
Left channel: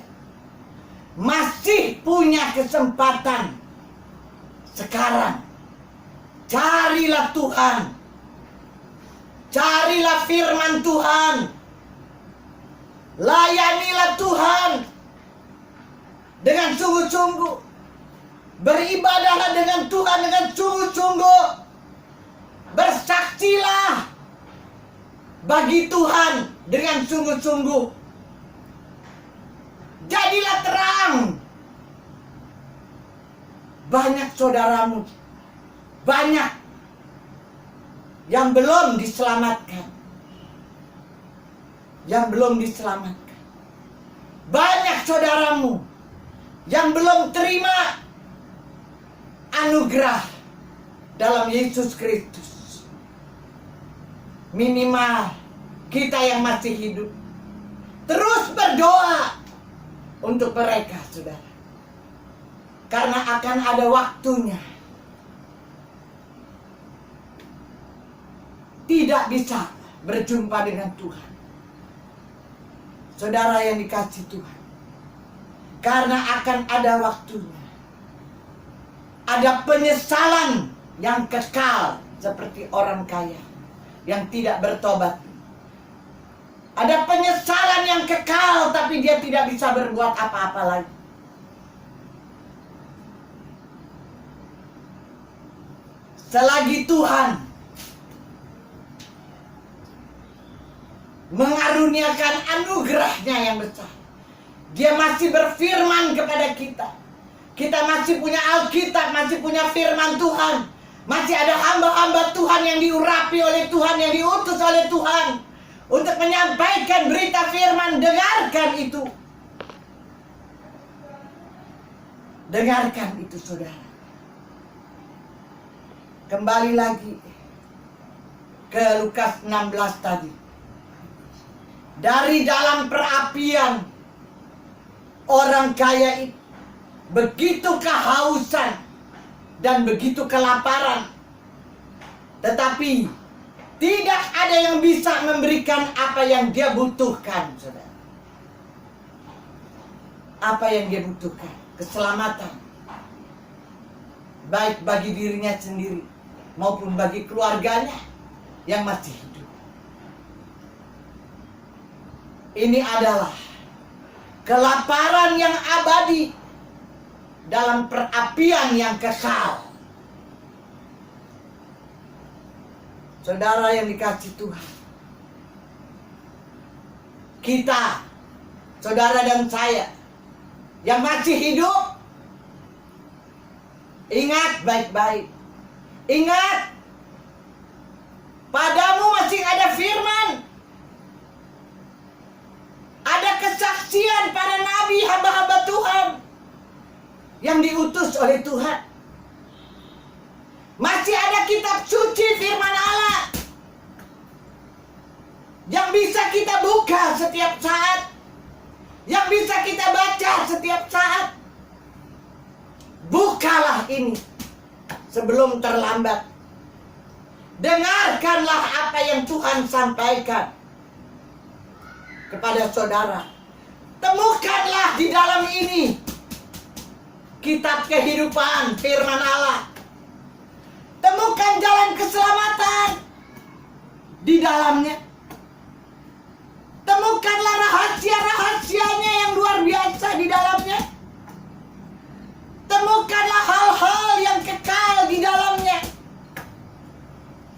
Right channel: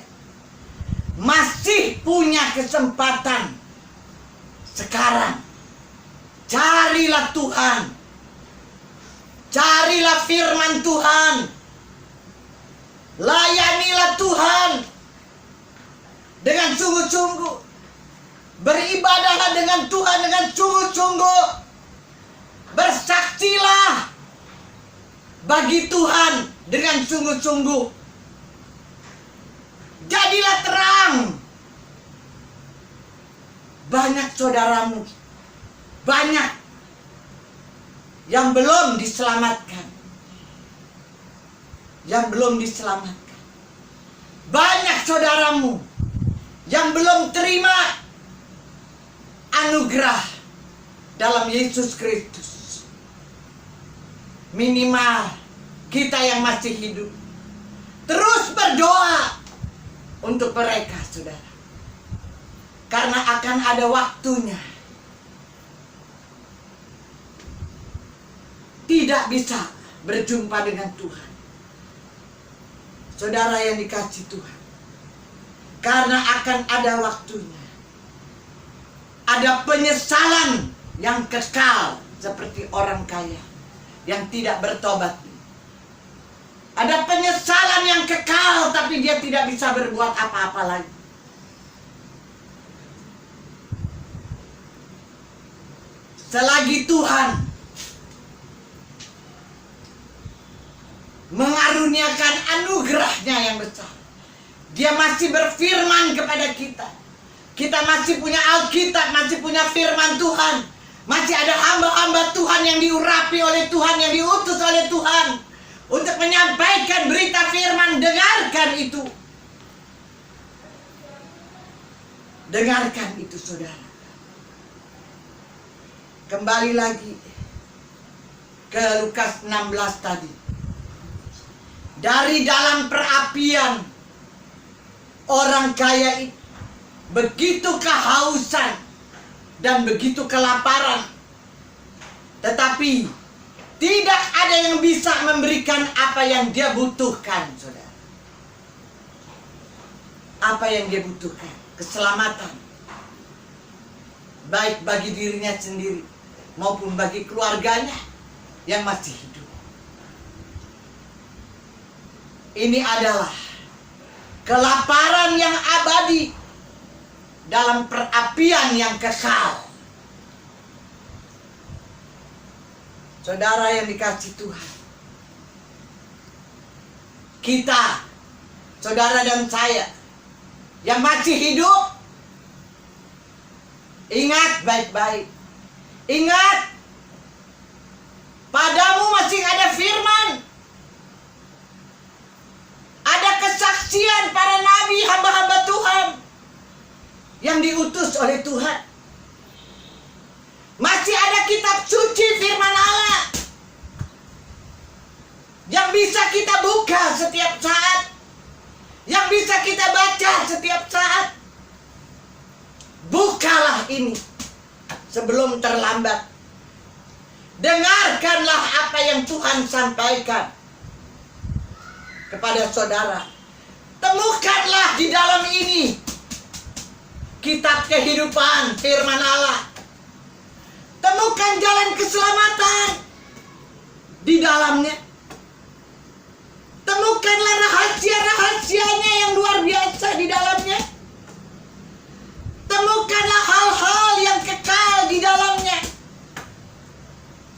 masih punya kesempatan sekarang. Carilah Tuhan. Carilah firman Tuhan. Layanilah Tuhan dengan sungguh-sungguh. Beribadahlah dengan Tuhan dengan sungguh-sungguh. Bersaksilah bagi Tuhan dengan sungguh-sungguh. Jadilah terang. Banyak saudaramu, banyak yang belum diselamatkan. Yang belum diselamatkan. Banyak saudaramu yang belum terima anugerah dalam Yesus Kristus. Minimal kita yang masih hidup terus berdoa untuk mereka, saudara. Karena akan ada waktunya. Tidak bisa berjumpa dengan Tuhan. Saudara yang dikasihi Tuhan. Karena akan ada waktunya. Ada penyesalan yang kekal seperti orang kaya yang tidak bertobat. Ada penyesalan yang kekal tapi dia tidak bisa berbuat apa-apa lagi. Selagi Tuhan mengaruniakan anugerahnya yang besar, Dia masih berfirman kepada kita. Kita masih punya Alkitab, masih punya firman Tuhan. Masih ada hamba-hamba Tuhan yang diurapi oleh Tuhan, yang diutus oleh Tuhan untuk menyampaikan berita firman. Dengarkan itu. Dengarkan itu, saudara. Kembali lagi ke Lukas 16 tadi. Dari dalam perapian orang kaya itu begitu kehausan dan begitu kelaparan, tetapi tidak ada yang bisa memberikan apa yang dia butuhkan, saudara. Apa yang dia butuhkan? Keselamatan, baik bagi dirinya sendiri maupun bagi keluarganya yang masih hidup. Ini adalah kelaparan yang abadi dalam perapian yang kekal. Saudara yang dikasih Tuhan, kita, saudara dan saya yang masih hidup, ingat baik-baik. Ingat, padamu masih ada firman, ada kesaksian para nabi, hamba-hamba Tuhan yang diutus oleh Tuhan. Masih ada kitab suci firman Allah yang bisa kita buka setiap saat, yang bisa kita baca setiap saat. Bukalah ini sebelum terlambat. Dengarkanlah apa yang Tuhan sampaikan kepada saudara. Temukanlah di dalam ini kitab kehidupan firman Allah. Temukan jalan keselamatan di dalamnya. Temukanlah rahasia-rahasianya yang luar biasa di dalamnya. Temukanlah hal-hal yang kekal di dalamnya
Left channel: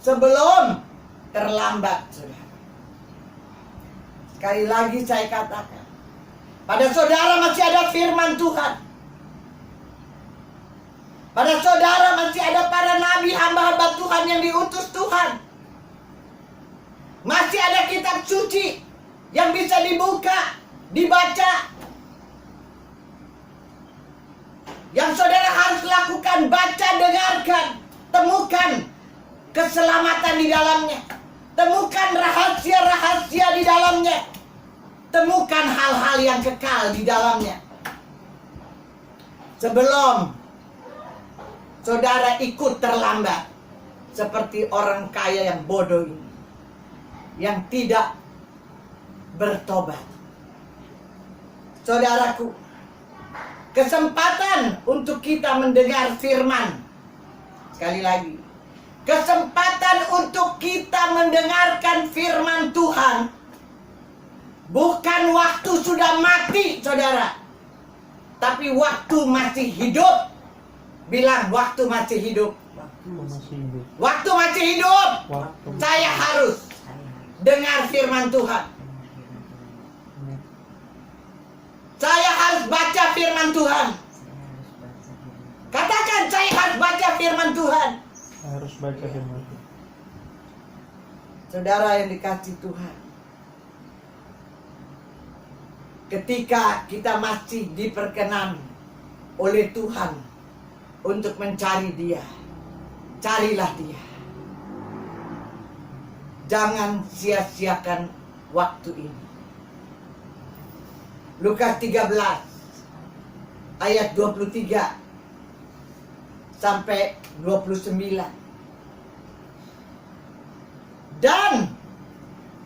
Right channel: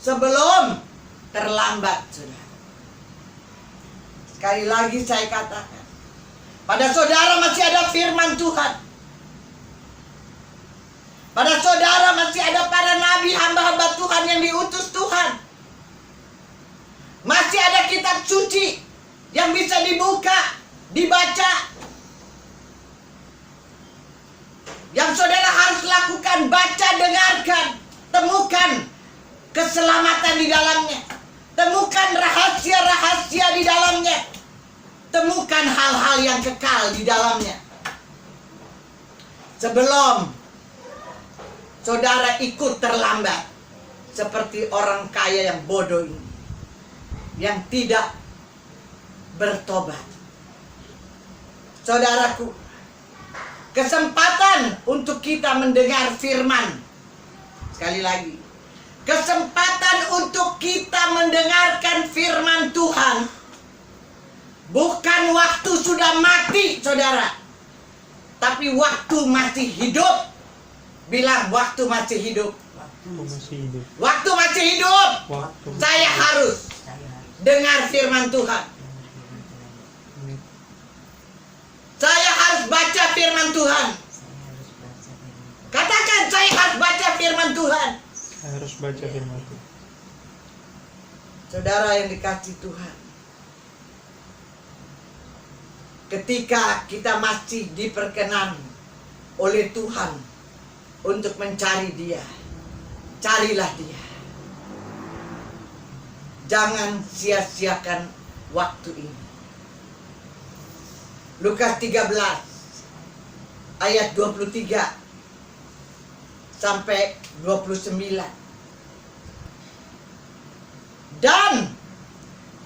sebelum terlambat, saudara. Sekali lagi saya katakan, pada saudara masih ada firman Tuhan. Pada saudara masih ada para nabi, hamba-hamba Tuhan yang diutus Tuhan. Masih ada kitab suci yang bisa dibuka, dibaca. Yang saudara harus lakukan, baca, dengarkan, temukan keselamatan di dalamnya. Temukan rahasia-rahasia di dalamnya. Temukan hal-hal yang kekal di dalamnya. Sebelum saudara ikut terlambat seperti orang kaya yang bodoh ini, yang tidak bertobat. Saudaraku, kesempatan untuk kita mendengar firman, sekali lagi, kesempatan untuk kita mendengarkan firman Tuhan bukan waktu sudah mati, saudara, tapi waktu masih hidup. Bilang, waktu masih hidup. Waktu masih hidup. Saya harus dengar firman Tuhan. Saya harus baca firman Tuhan. Katakan, saya harus baca firman Tuhan. Saya harus baca firman Tuhan. Saudara yang dikasih Tuhan, ketika kita masih diperkenan oleh Tuhan untuk mencari Dia, carilah Dia. Jangan sia-siakan waktu ini. Lukas 13 ayat 23 sampai 29. Dan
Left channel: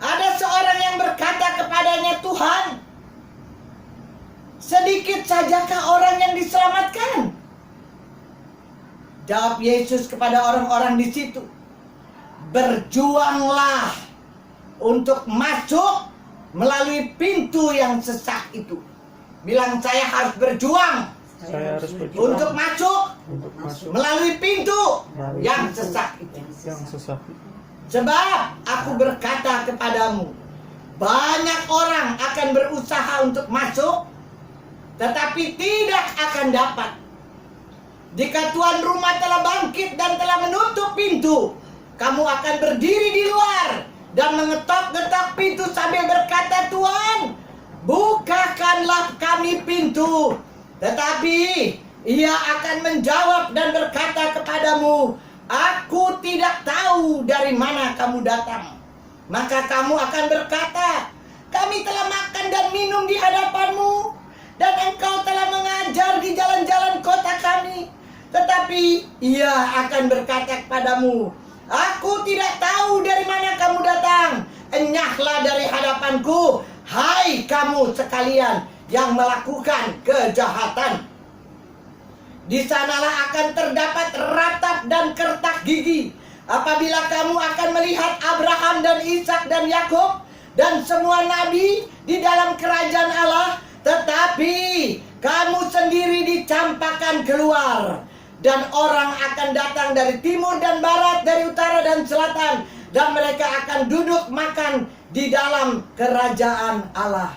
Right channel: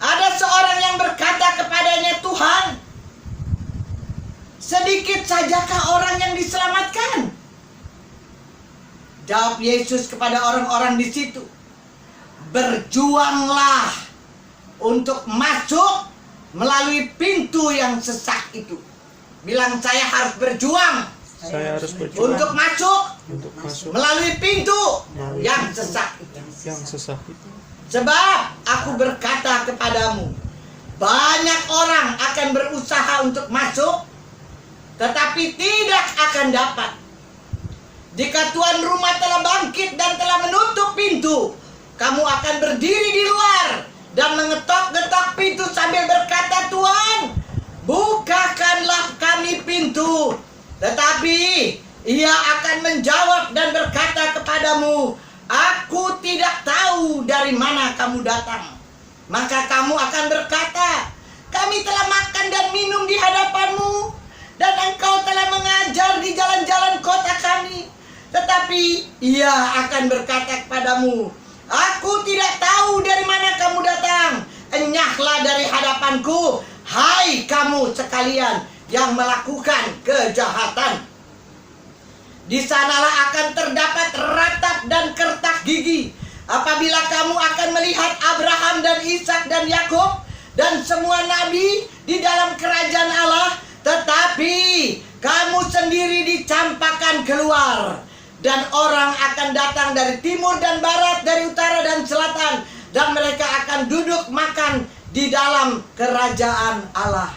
ada seorang yang berkata kepadanya, Tuhan, sedikit sajakah orang yang diselamatkan? Jawab Yesus kepada orang-orang di situ, berjuanglah untuk masuk melalui pintu yang sesak itu. Bilang, saya harus berjuang. Saya harus berjuang untuk masuk melalui pintu yang sesak itu. Sebab aku berkata kepadamu, banyak orang akan berusaha untuk masuk, tetapi tidak akan dapat. Jika tuan rumah telah bangkit dan telah menutup pintu, kamu akan berdiri di luar dan mengetok-ngetok pintu sambil berkata, Tuhan, bukakanlah kami pintu. Tetapi Ia akan menjawab dan berkata kepadamu, aku tidak tahu dari mana kamu datang. Maka kamu akan berkata, kami telah makan dan minum di hadapanmu, dan engkau telah mengajar di jalan-jalan kota kami. Tetapi Ia akan berkata kepadamu, aku tidak tahu dari mana kamu datang. Enyahlah dari hadapanku, hai kamu sekalian yang melakukan kejahatan. Di sanalah akan terdapat ratap dan kertak gigi, apabila kamu akan melihat Abraham dan Ishak dan Yakub dan semua nabi di dalam kerajaan Allah, tetapi kamu sendiri dicampakkan keluar. Dan orang akan datang dari timur dan barat, dari utara dan selatan, dan mereka akan duduk makan di dalam kerajaan Allah.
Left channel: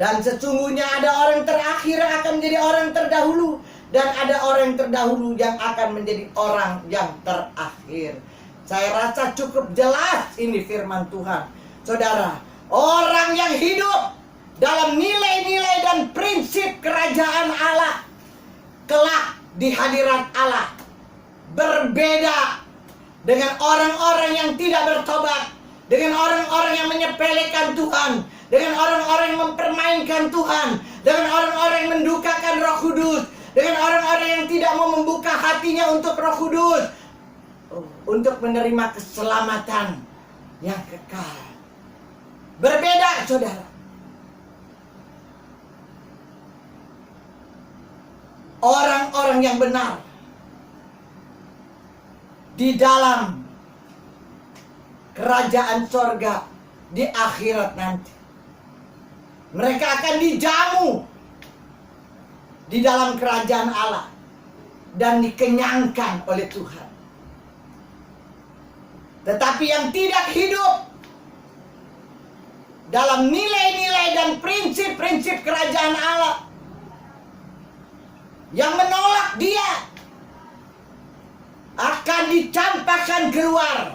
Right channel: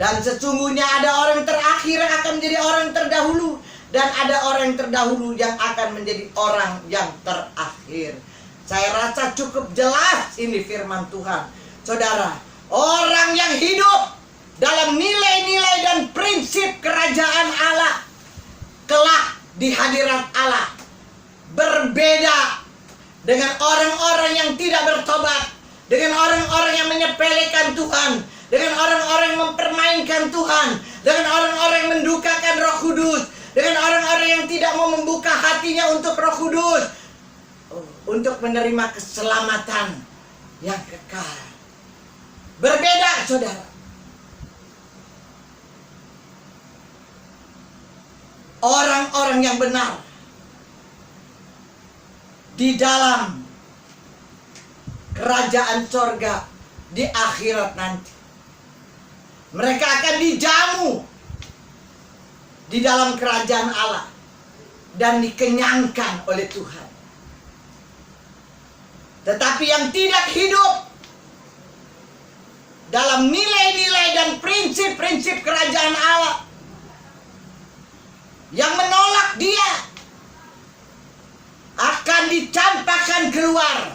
Dan sesungguhnya ada orang terakhir yang akan menjadi orang terdahulu, dan ada orang terdahulu yang akan menjadi orang yang terakhir. Saya rasa cukup jelas ini firman Tuhan. Saudara, orang yang hidup dalam nilai-nilai dan prinsip kerajaan Allah kelak di hadirat Allah berbeda dengan orang-orang yang tidak bertobat, dengan orang-orang yang menyepelekan Tuhan, dengan orang-orang yang mempermainkan Tuhan, dengan orang-orang yang mendukakan Roh Kudus, dengan orang-orang yang tidak mau membuka hatinya untuk Roh Kudus, untuk menerima keselamatan yang kekal. Berbeda, saudara. Orang-orang yang benar di dalam kerajaan sorga di akhirat nanti, mereka akan dijamu di dalam kerajaan Allah dan dikenyangkan oleh Tuhan. Tetapi yang tidak hidup dalam nilai-nilai dan prinsip-prinsip kerajaan Allah, yang menolak dia, akan dicampakkan keluar,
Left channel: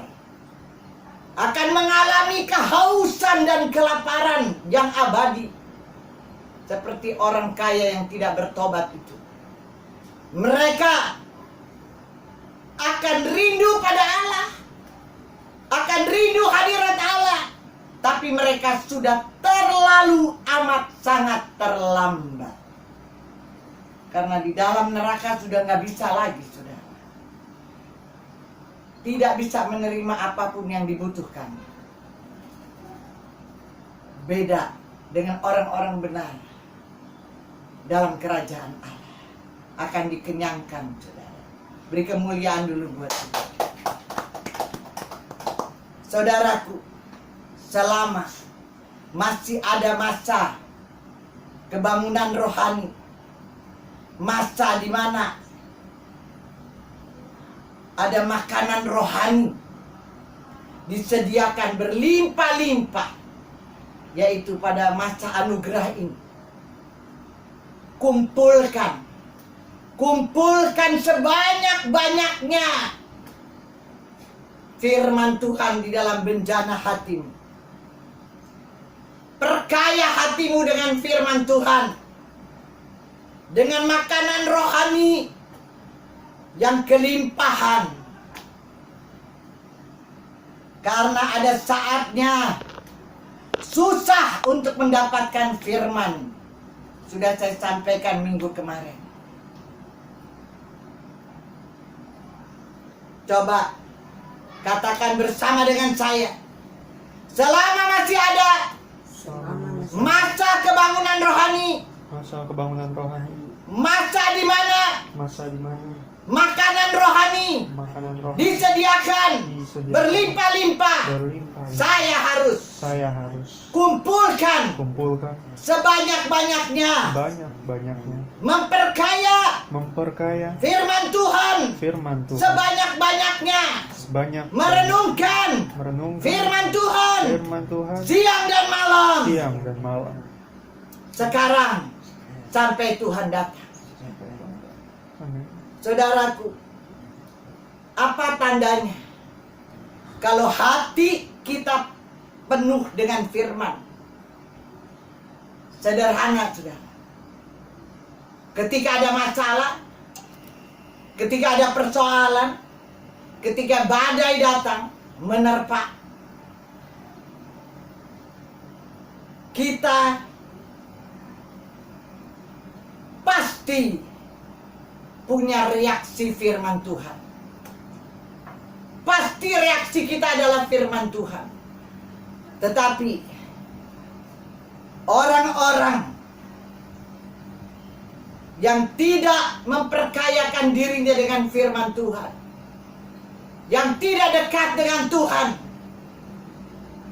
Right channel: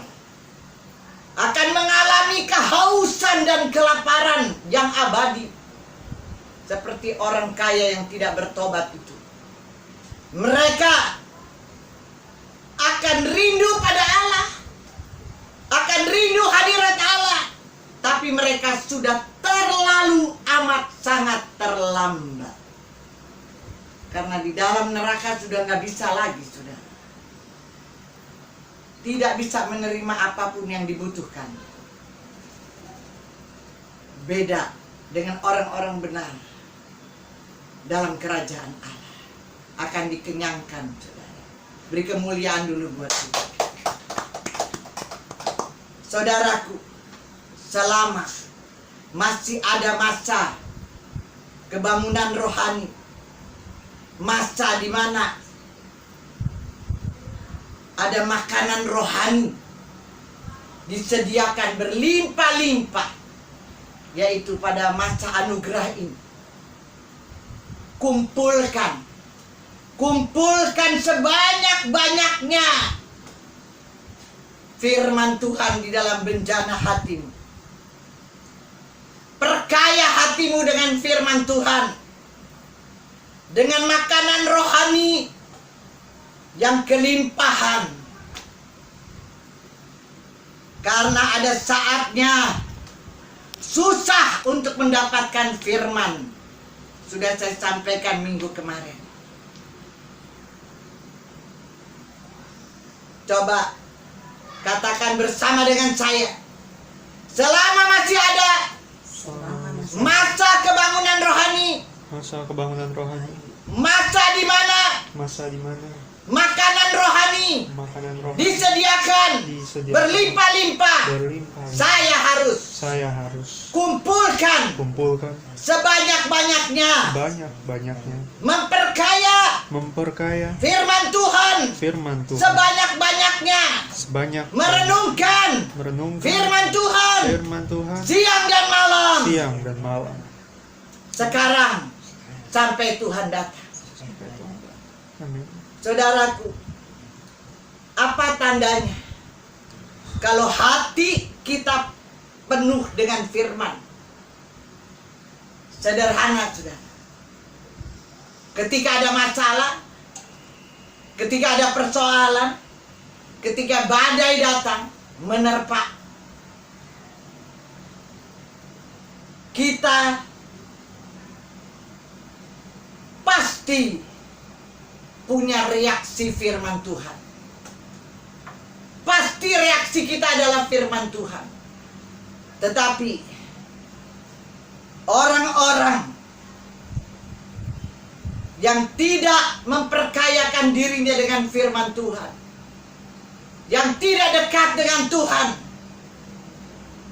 akan mengalami kehausan dan kelaparan yang abadi, seperti orang kaya yang tidak bertobat itu. Mereka akan rindu pada Allah, akan rindu hadirat Allah, tapi mereka sudah terlalu amat sangat terlambat, karena di dalam neraka sudah nggak bisa lagi, saudara. Tidak bisa menerima apapun yang dibutuhkan. Beda dengan orang-orang benar dalam kerajaan Allah, akan dikenyangkan, saudara. Beri kemuliaan dulu buat kita. Saudaraku, selama masih ada masa kebangunan rohani, masa di mana ada makanan rohani disediakan berlimpah-limpah, yaitu pada masa anugerah ini, kumpulkan sebanyak-banyaknya firman Tuhan di dalam benjana hatimu. Perkaya hatimu dengan firman Tuhan, dengan makanan rohani yang kelimpahan. Karena ada saatnya susah untuk mendapatkan firman. Sudah saya sampaikan minggu kemarin. Coba katakan bersama dengan saya, selama masih ada masa kebangunan rohani, masa di mana makanan rohani disediakan berlimpah-limpah, saya harus kumpulkan sebanyak-banyaknya, memperkaya firman Tuhan sebanyak-banyaknya, merenungkan firman Tuhan siang dan malam, sekarang sampai Tuhan datang. Saudaraku, apa tandanya kalau hati kita penuh dengan firman? Sederhana, saudara. Ketika ada masalah, ketika ada persoalan, ketika badai datang menerpa, kita pasti punya reaksi firman Tuhan. Pasti reaksi kita adalah firman Tuhan. Tetapi orang-orang yang tidak memperkayakan dirinya dengan firman Tuhan, yang tidak dekat dengan Tuhan,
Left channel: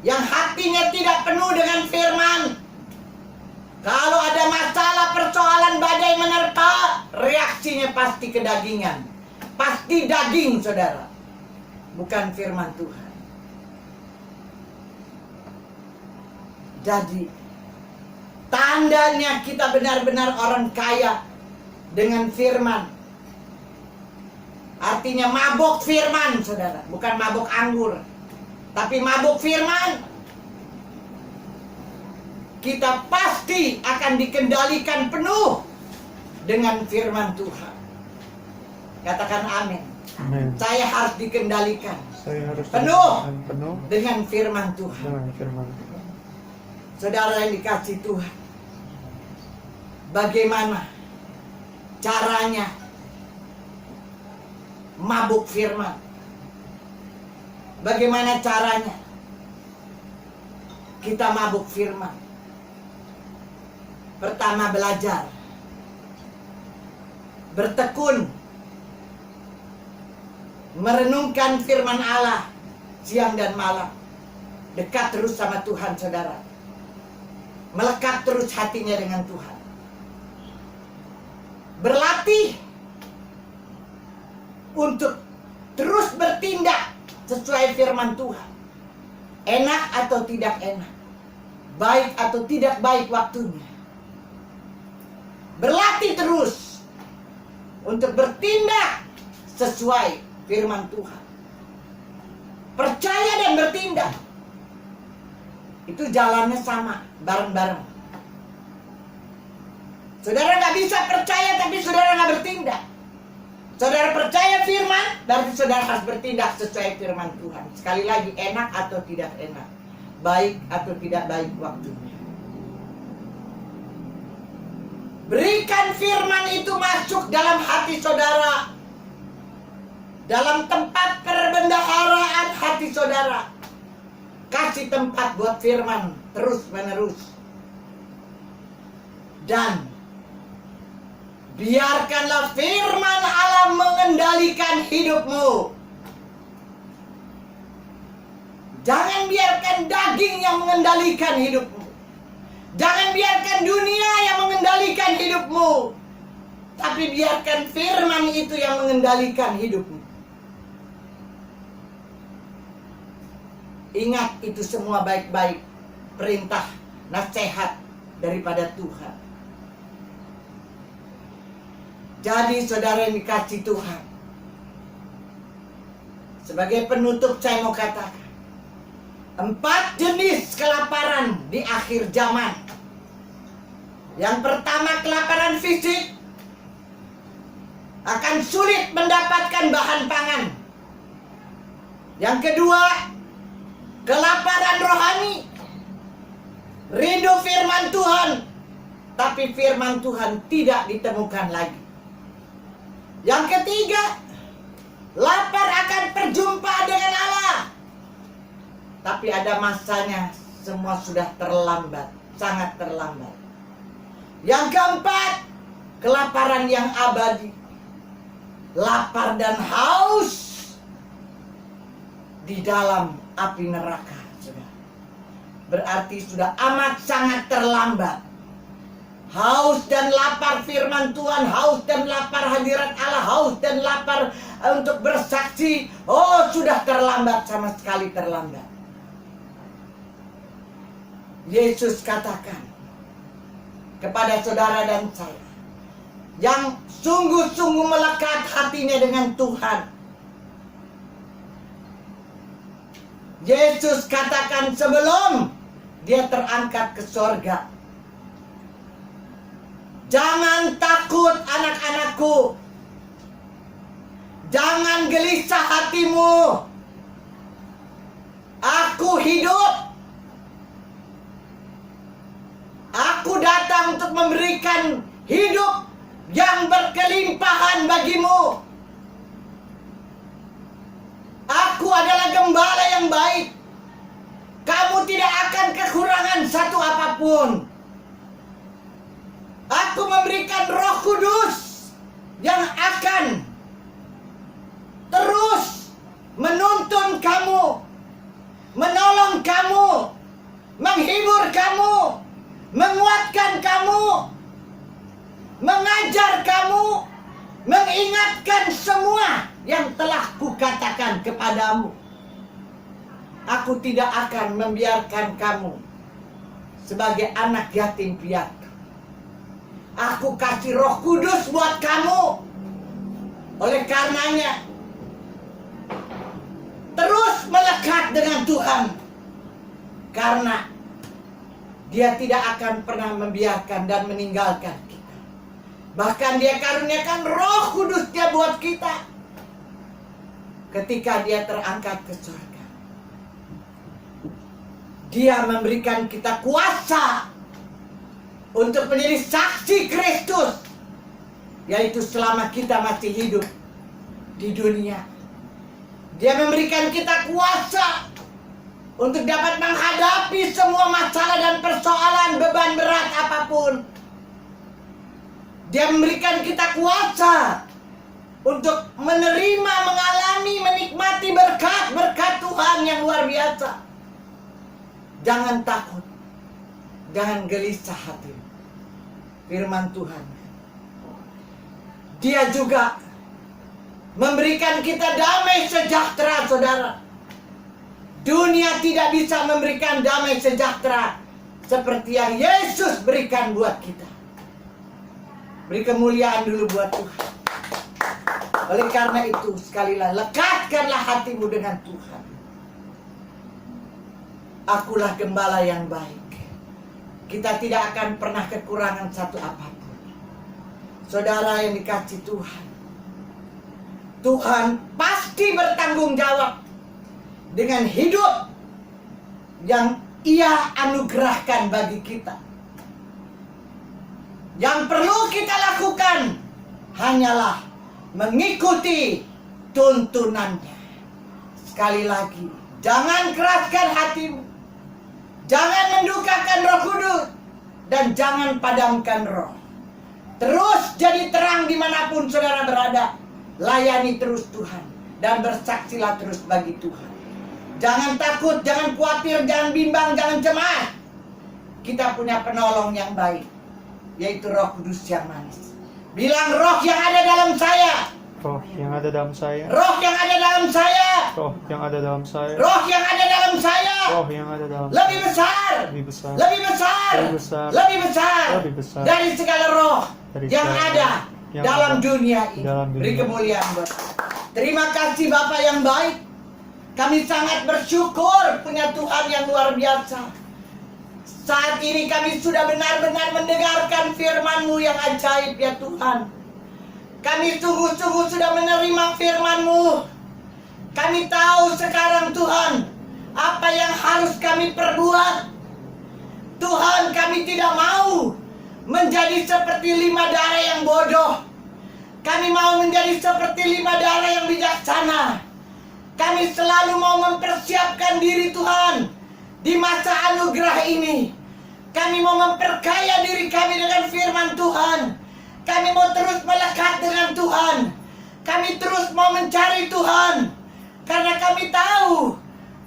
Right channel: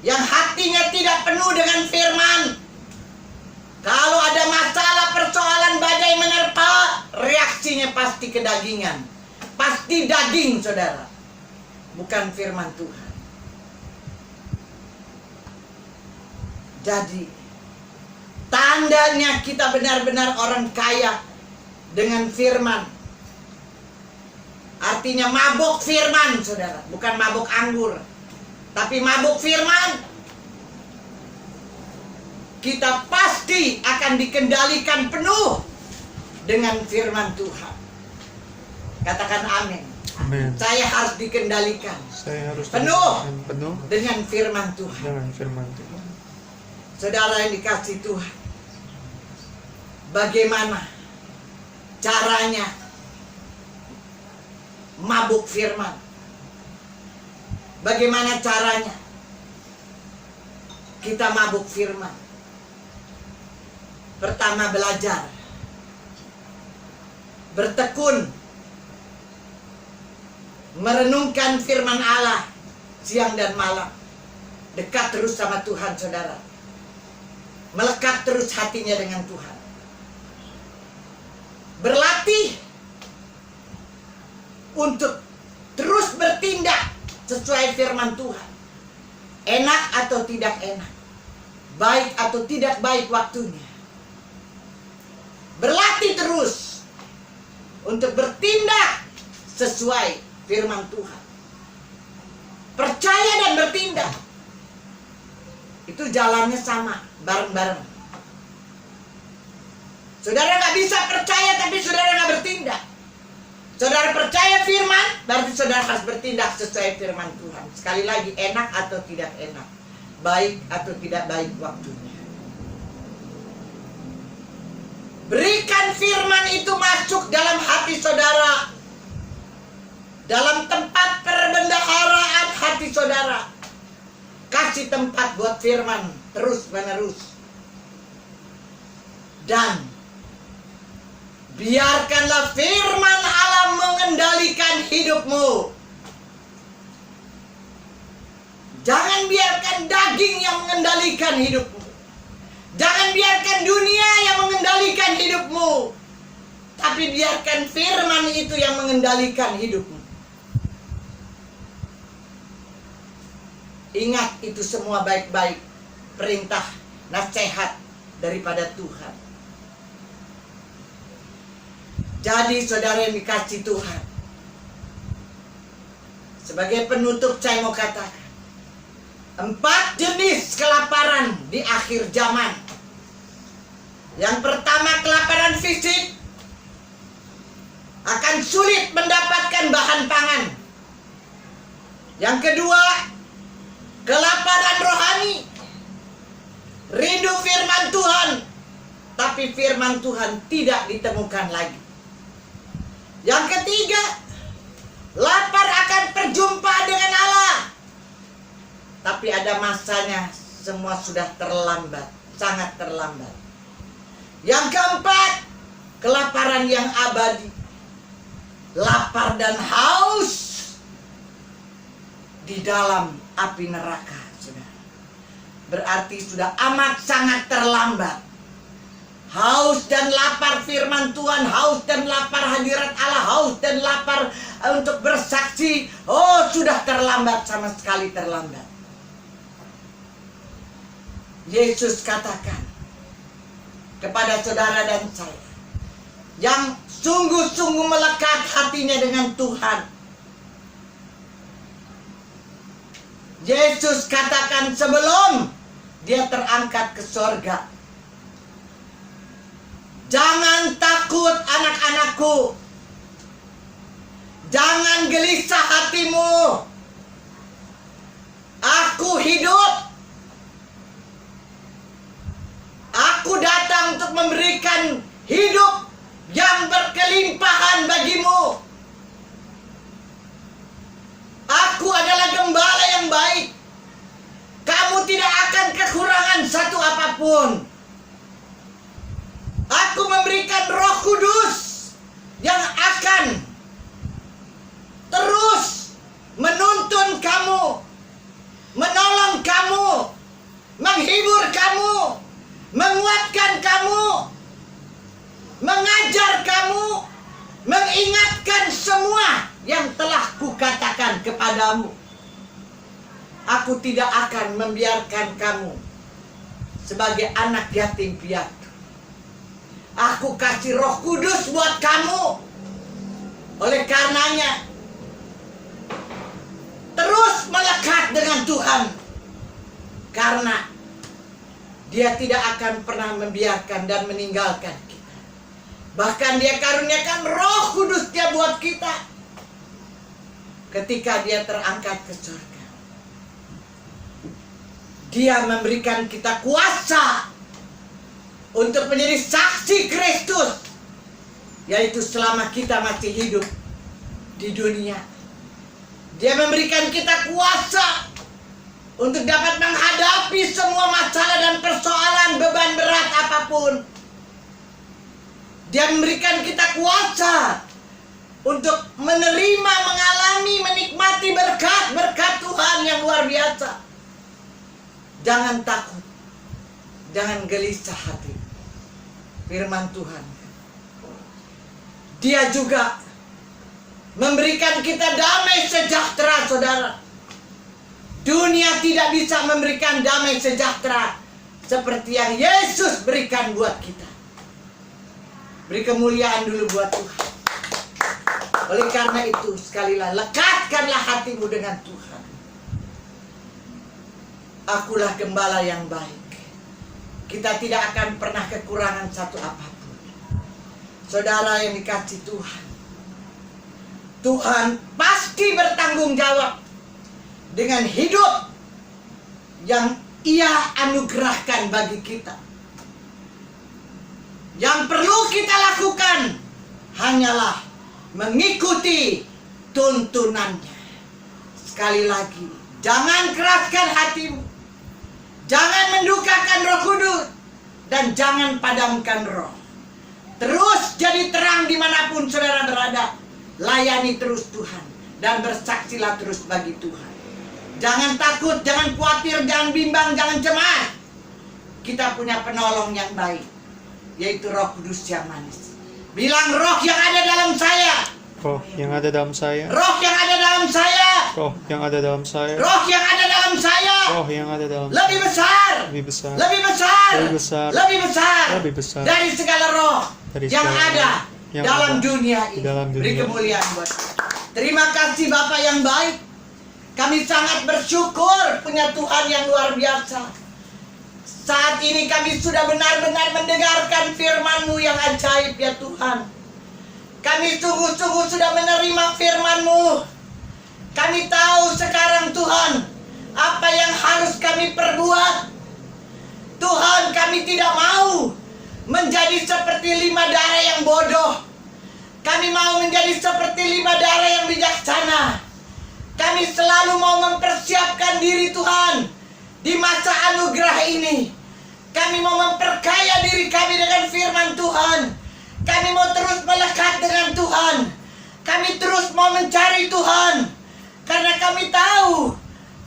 yang hatinya tidak penuh dengan firman, kalau ada masalah, persoalan, badai menerpa, reaksinya pasti kedagingan. Pasti daging, saudara. Bukan firman Tuhan. Jadi tandanya kita benar-benar orang kaya dengan firman. Artinya mabuk firman, saudara. Bukan mabuk anggur, tapi mabuk firman. Kita pasti akan dikendalikan penuh dengan firman Tuhan. Katakan amin. Amin. Saya harus dikendalikan Saya harus penuh penuh dengan firman Tuhan. dengan firman Tuhan. Saudara yang dikasih Tuhan, bagaimana caranya mabuk firman? Bagaimana caranya kita mabuk firman? Pertama, belajar, bertekun, merenungkan firman Allah siang dan malam. Dekat terus sama Tuhan, saudara. Melekat terus hatinya dengan Tuhan. Berlatih untuk terus bertindak sesuai firman Tuhan. Enak atau tidak enak, baik atau tidak baik waktunya. Berlatih terus untuk bertindak sesuai firman Tuhan. Percaya dan bertindak. Itu jalannya sama, bareng-bareng. Saudara nggak bisa percaya tapi saudara nggak bertindak. Saudara percaya firman, berarti saudara harus bertindak sesuai firman Tuhan. Sekali lagi, enak atau tidak enak, baik atau tidak baik waktunya. Berikan firman itu masuk dalam hati saudara, dalam tempat perbendaharaan hati saudara. Kasih tempat buat firman terus menerus. Dan biarkanlah firman Allah mengendalikan hidupmu. Jangan biarkan daging yang mengendalikan hidupmu. Jangan biarkan dunia yang mengendalikan hidupmu. Tapi biarkan firman itu yang mengendalikan hidupmu. Ingat, itu semua baik-baik perintah, nasihat daripada Tuhan. Jadi saudara yang dikasih Tuhan, sebagai penutup saya mau katakan 4 jenis kelaparan di akhir zaman. Yang pertama, kelaparan fisik. Akan sulit mendapatkan bahan pangan. Yang kedua, kelaparan rohani. Rindu firman Tuhan, tapi firman Tuhan tidak ditemukan lagi. Yang ketiga, lapar akan perjumpaan dengan Allah. Tapi ada masanya, semua sudah terlambat, sangat terlambat. Yang keempat, kelaparan yang abadi. Lapar dan haus di dalam api neraka, saudara. Berarti sudah amat sangat terlambat. Haus dan lapar firman Tuhan, haus dan lapar hadirat Allah, haus dan lapar untuk bersaksi. Oh, sudah terlambat, sama sekali terlambat. Yesus katakan kepada saudara dan saya yang sungguh-sungguh melekat hatinya dengan Tuhan. Yesus katakan sebelum dia terangkat ke sorga, jangan takut anak-anakku, jangan gelisah hatimu, aku hidup. Aku datang untuk memberikan hidup yang berkelimpahan bagimu. Aku adalah gembala yang baik. Kamu tidak akan kekurangan satu apapun. Aku memberikan Roh Kudus yang akan terus menuntun kamu, menolong kamu, menghibur kamu, menguatkan kamu, mengajar kamu, mengingatkan semua yang telah kukatakan kepadamu. Aku tidak akan membiarkan kamu sebagai anak yatim piatu. Aku kasih Roh Kudus buat kamu. Oleh karenanya, terus melekat dengan Tuhan. Karena Dia tidak akan pernah membiarkan dan meninggalkan kita. Bahkan Dia karuniakan Roh Kudus Dia buat kita ketika Dia terangkat ke surga. Dia memberikan kita kuasa untuk menjadi saksi Kristus, yaitu selama kita masih hidup di dunia. Dia memberikan kita kuasa untuk dapat menghadapi semua masalah dan persoalan, beban berat apapun. Dia memberikan kita kuasa untuk menerima, mengalami, menikmati berkat-berkat Tuhan yang luar biasa. Jangan takut, jangan gelisah hati. Firman Tuhan, Dia juga memberikan kita damai sejahtera, saudara. Dunia tidak bisa memberikan damai sejahtera seperti yang Yesus berikan buat kita. Beri kemuliaan dulu buat Tuhan. Oleh karena itu, sekali lagi, lekatkanlah hatimu dengan Tuhan. Akulah gembala yang baik. Kita tidak akan pernah kekurangan satu apapun. Saudara yang dikasihi Tuhan, Tuhan pasti bertanggung jawab dengan hidup yang Ia anugerahkan bagi kita. Yang perlu kita lakukan hanyalah mengikuti tuntunannya. Sekali lagi, jangan keraskan hatimu, jangan mendukakan Roh Kudus, dan jangan padamkan roh. Terus jadi terang dimanapun saudara berada. Layani terus Tuhan dan bersaksilah terus bagi Tuhan. Jangan takut, jangan khawatir, jangan bimbang, jangan cemas. Kita punya penolong yang baik, yaitu Roh Kudus yang manis. Bilang, roh yang ada dalam saya. Roh yang ada dalam saya. Roh yang ada dalam saya. Roh yang ada dalam saya. Roh yang ada dalam saya. Roh yang ada dalam Lebih besar. Lebih besar. Lebih besar. Lebih besar. Lebih besar. Lebih besar. Dari segala roh Dari yang segala ada yang dalam ada dunia ini. dalam dunia. Beri kemuliaan buat. Terima kasih Bapak yang baik. Kami sangat bersyukur punya Tuhan yang luar biasa. Saat ini kami sudah benar-benar mendengarkan firman-Mu yang ajaib ya Tuhan. Kami sungguh-sungguh sudah menerima firman-Mu. Kami tahu sekarang Tuhan, apa yang harus kami perbuat. Tuhan, kami tidak mau menjadi seperti lima darah yang bodoh. Kami mau menjadi seperti lima darah yang bijaksana. Kami selalu mau mempersiapkan diri Tuhan di masa anugerah ini. Kami mau memperkaya diri kami dengan firman Tuhan. Kami mau terus melekat dengan Tuhan. Kami terus mau mencari Tuhan. Karena kami tahu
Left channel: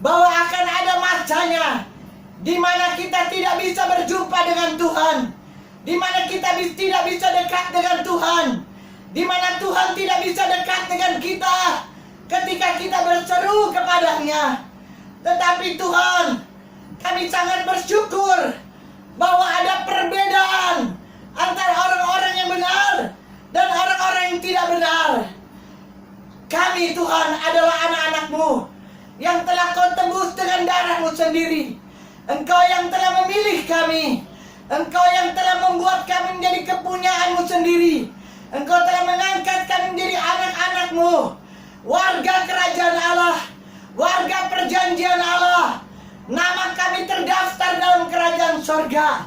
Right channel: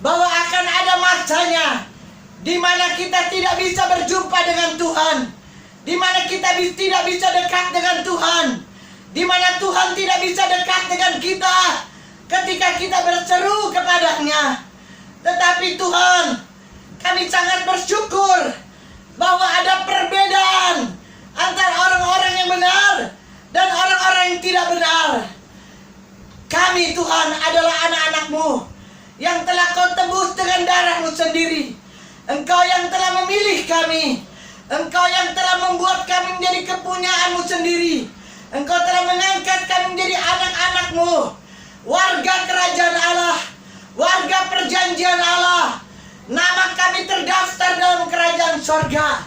bahwa akan ada masanya di mana kita tidak bisa berjumpa dengan Tuhan. Di mana kita tidak bisa dekat dengan Tuhan. Di mana Tuhan tidak bisa dekat dengan kita ketika kita berseru kepadanya. Tetapi Tuhan, kami sangat bersyukur bahwa ada perbedaan antara orang-orang yang benar dan orang-orang yang tidak benar. Kami Tuhan adalah anak-anak-Mu yang telah Kau tebus dengan darah-Mu sendiri. Engkau yang telah memilih kami. Engkau yang telah membuat kami menjadi kepunyaan-Mu sendiri. Engkau telah mengangkat kami menjadi anak-anak-Mu, warga kerajaan Allah, warga perjanjian Allah. Nama kami terdaftar dalam kerajaan sorga,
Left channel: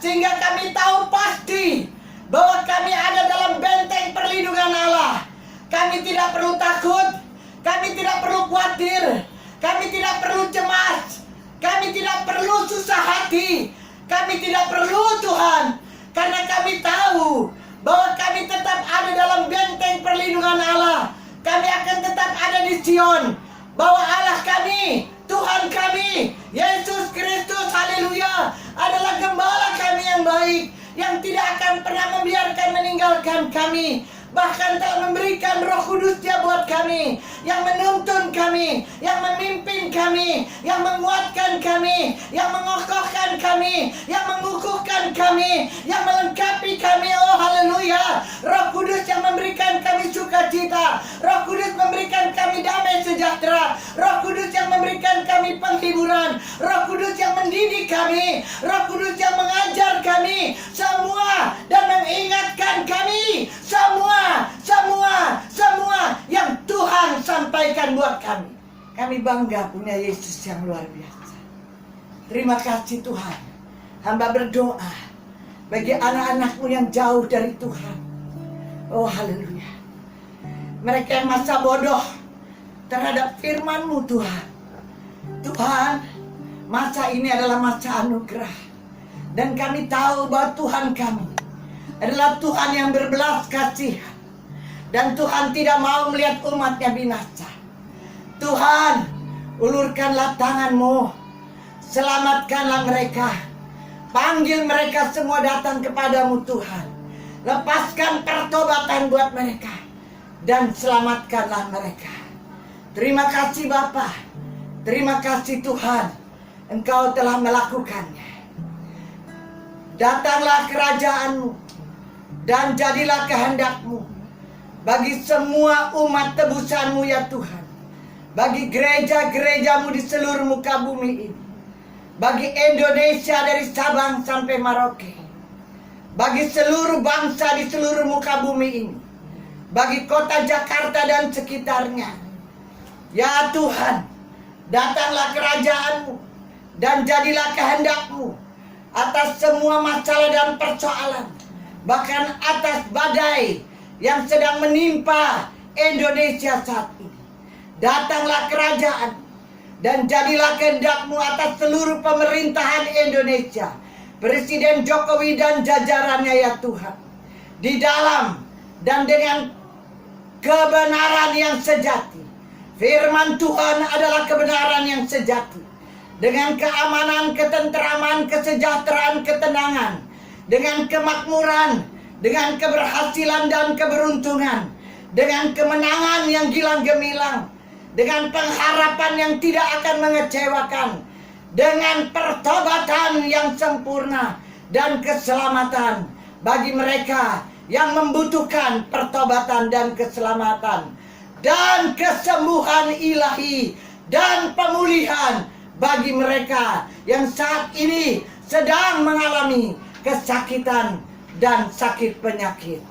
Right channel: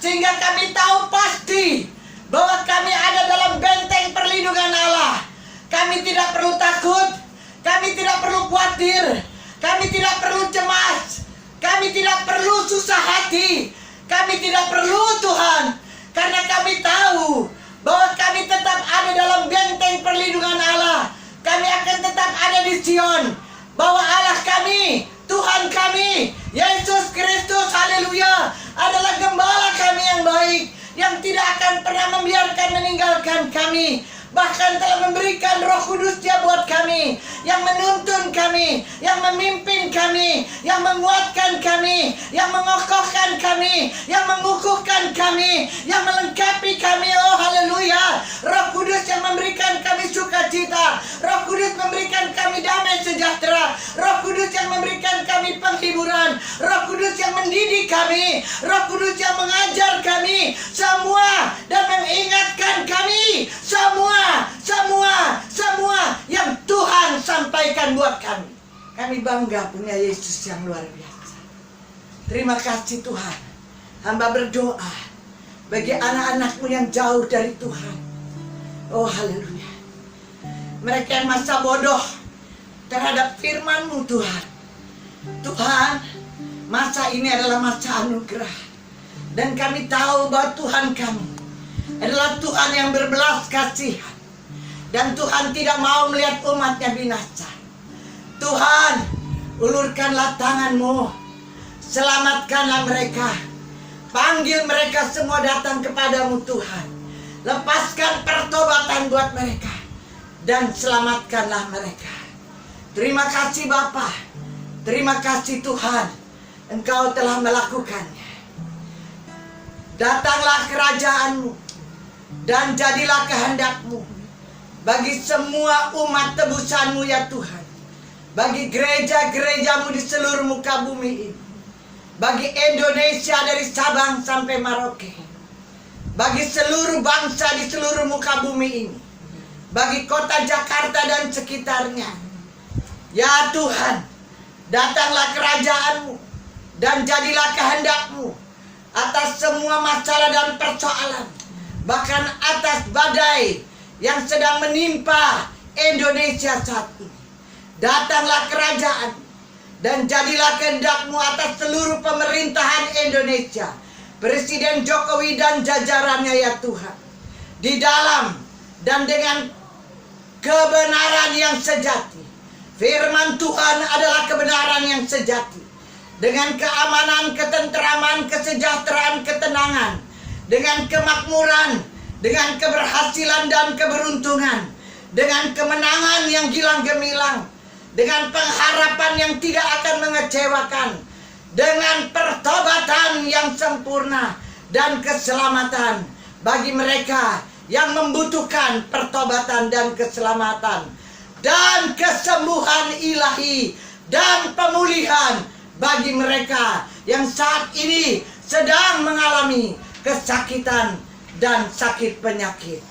sehingga kami tahu pasti bahwa kami ada dalam benteng perlindungan Allah. Kami tidak perlu takut, kami tidak perlu khawatir, kami tidak perlu cemas, kami tidak perlu susah hati, kami tidak perlu Tuhan, karena kami tahu bahwa kami tetap ada dalam benteng perlindungan Allah. Kami akan tetap ada di Sion, bahwa Allah kami, Tuhan kami, Yesus Kristus, haleluya, adalah gembala kami yang baik, yang tidak akan pernah membiarkan meninggalkan kami. Bahkan telah memberikan Roh Kudus-Nya buat kami, yang menuntun kami, yang memimpin kami, yang menguatkan kami, yang mengokohkan kami, yang mengukuhkan kami, yang melengkapi kami. Oh haleluya. Roh Kudus yang memberikan kami sukacita, Roh Kudus memberikan kami damai sejahtera, Roh Kudus yang memberikan kami penghiburan, Roh Kudus yang mendidik kami, Roh Kudus yang mengajar kami semua dan mengingatkan kami semua yang Tuhan sampaikan buat kami. Kami bangga punya Yesus yang luar biasa. Terima kasih Tuhan. Hamba berdoa bagi anak-anak-Mu yang jauh dari Tuhan. Oh haleluya. Mereka yang masa bodoh terhadap firman-Mu Tuhan. Tuhan, masa ini adalah masa anugerah. Dan kami tahu bahwa Tuhan kami adalah Tuhan yang berbelas kasihan. Dan Tuhan tidak mau melihat umat-Nya binasa. Tuhan, ulurkanlah tangan-Mu, selamatkanlah mereka, panggil mereka semua datang kepadamu Tuhan. Lepaskan pertobatan buat mereka dan selamatkanlah mereka. Terima kasih Bapa, terima kasih Tuhan, Engkau telah melakukannya. Datanglah kerajaan-Mu dan jadilah kehendak-Mu bagi semua umat tebusan-Mu ya Tuhan. Bagi gereja-gereja-Mu di seluruh muka bumi ini. Bagi Indonesia dari Sabang sampai Merauke. Bagi seluruh bangsa di seluruh muka bumi ini. Bagi kota Jakarta dan sekitarnya. Ya Tuhan, datanglah kerajaan-Mu dan jadilah kehendak-Mu atas semua masalah dan persoalan. Bahkan atas badai yang sedang menimpa Indonesia saat ini. Datanglah kerajaan dan jadilah kehendak-Mu atas seluruh pemerintahan Indonesia, Presiden Jokowi dan jajarannya ya Tuhan. Di dalam dan dengan kebenaran yang sejati. Firman Tuhan adalah kebenaran yang sejati. Dengan keamanan, ketenteraman, kesejahteraan, ketenangan. Dengan kemakmuran, dengan keberhasilan dan keberuntungan. Dengan kemenangan yang gilang gemilang. Dengan pengharapan yang tidak akan mengecewakan. Dengan pertobatan yang sempurna. Dan keselamatan bagi mereka yang membutuhkan pertobatan dan keselamatan. Dan kesembuhan ilahi. Dan pemulihan bagi mereka yang saat ini sedang mengalami kesakitan dan sakit penyakit.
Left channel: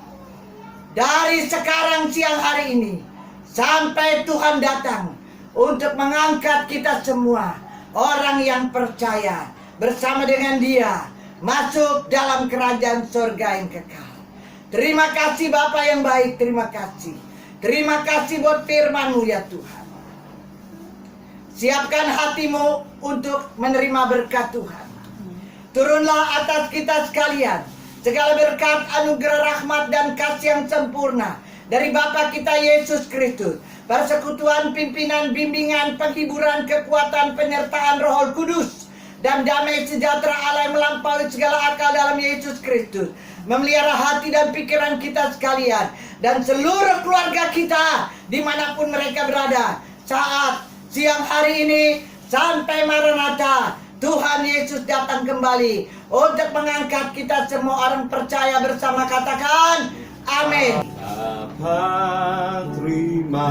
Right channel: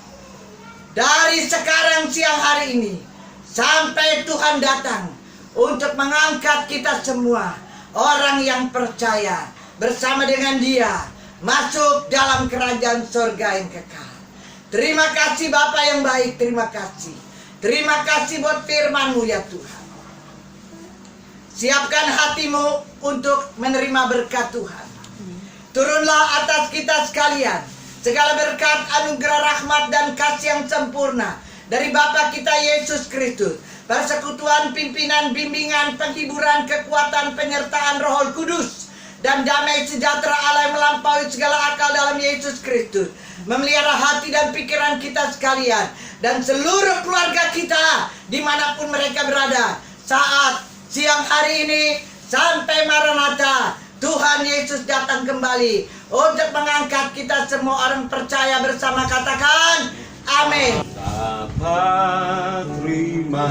Dari sekarang siang hari ini sampai Tuhan datang untuk mengangkat kita semua, orang yang percaya bersama dengan Dia masuk dalam kerajaan surga yang kekal. Terima kasih Bapa yang baik, terima kasih. Terima kasih buat firman-Mu ya Tuhan. Siapkan hatimu untuk menerima berkat Tuhan. Turunlah atas kita sekalian segala berkat, anugerah, rahmat, dan kasih yang sempurna dari Bapa kita Yesus Kristus. Persekutuan, pimpinan, bimbingan, penghiburan, kekuatan, penyertaan Roh Kudus, dan damai sejahtera Allah yang melampaui segala akal dalam Yesus Kristus memelihara hati dan pikiran kita sekalian dan seluruh keluarga kita dimanapun mereka berada saat siang hari ini sampai Maranatha. Tuhan Yesus datang kembali untuk mengangkat kita semua orang percaya bersama, katakan amin. Terima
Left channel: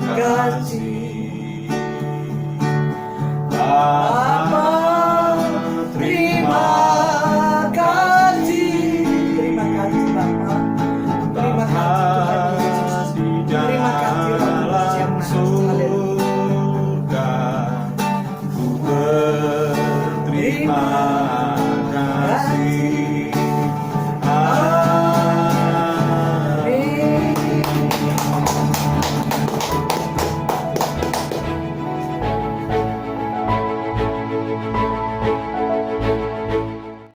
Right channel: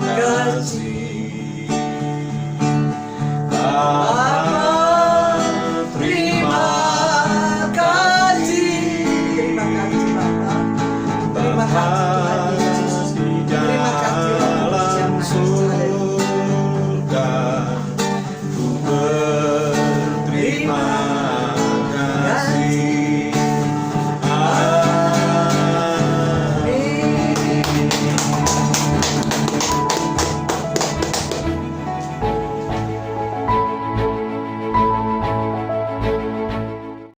kasih.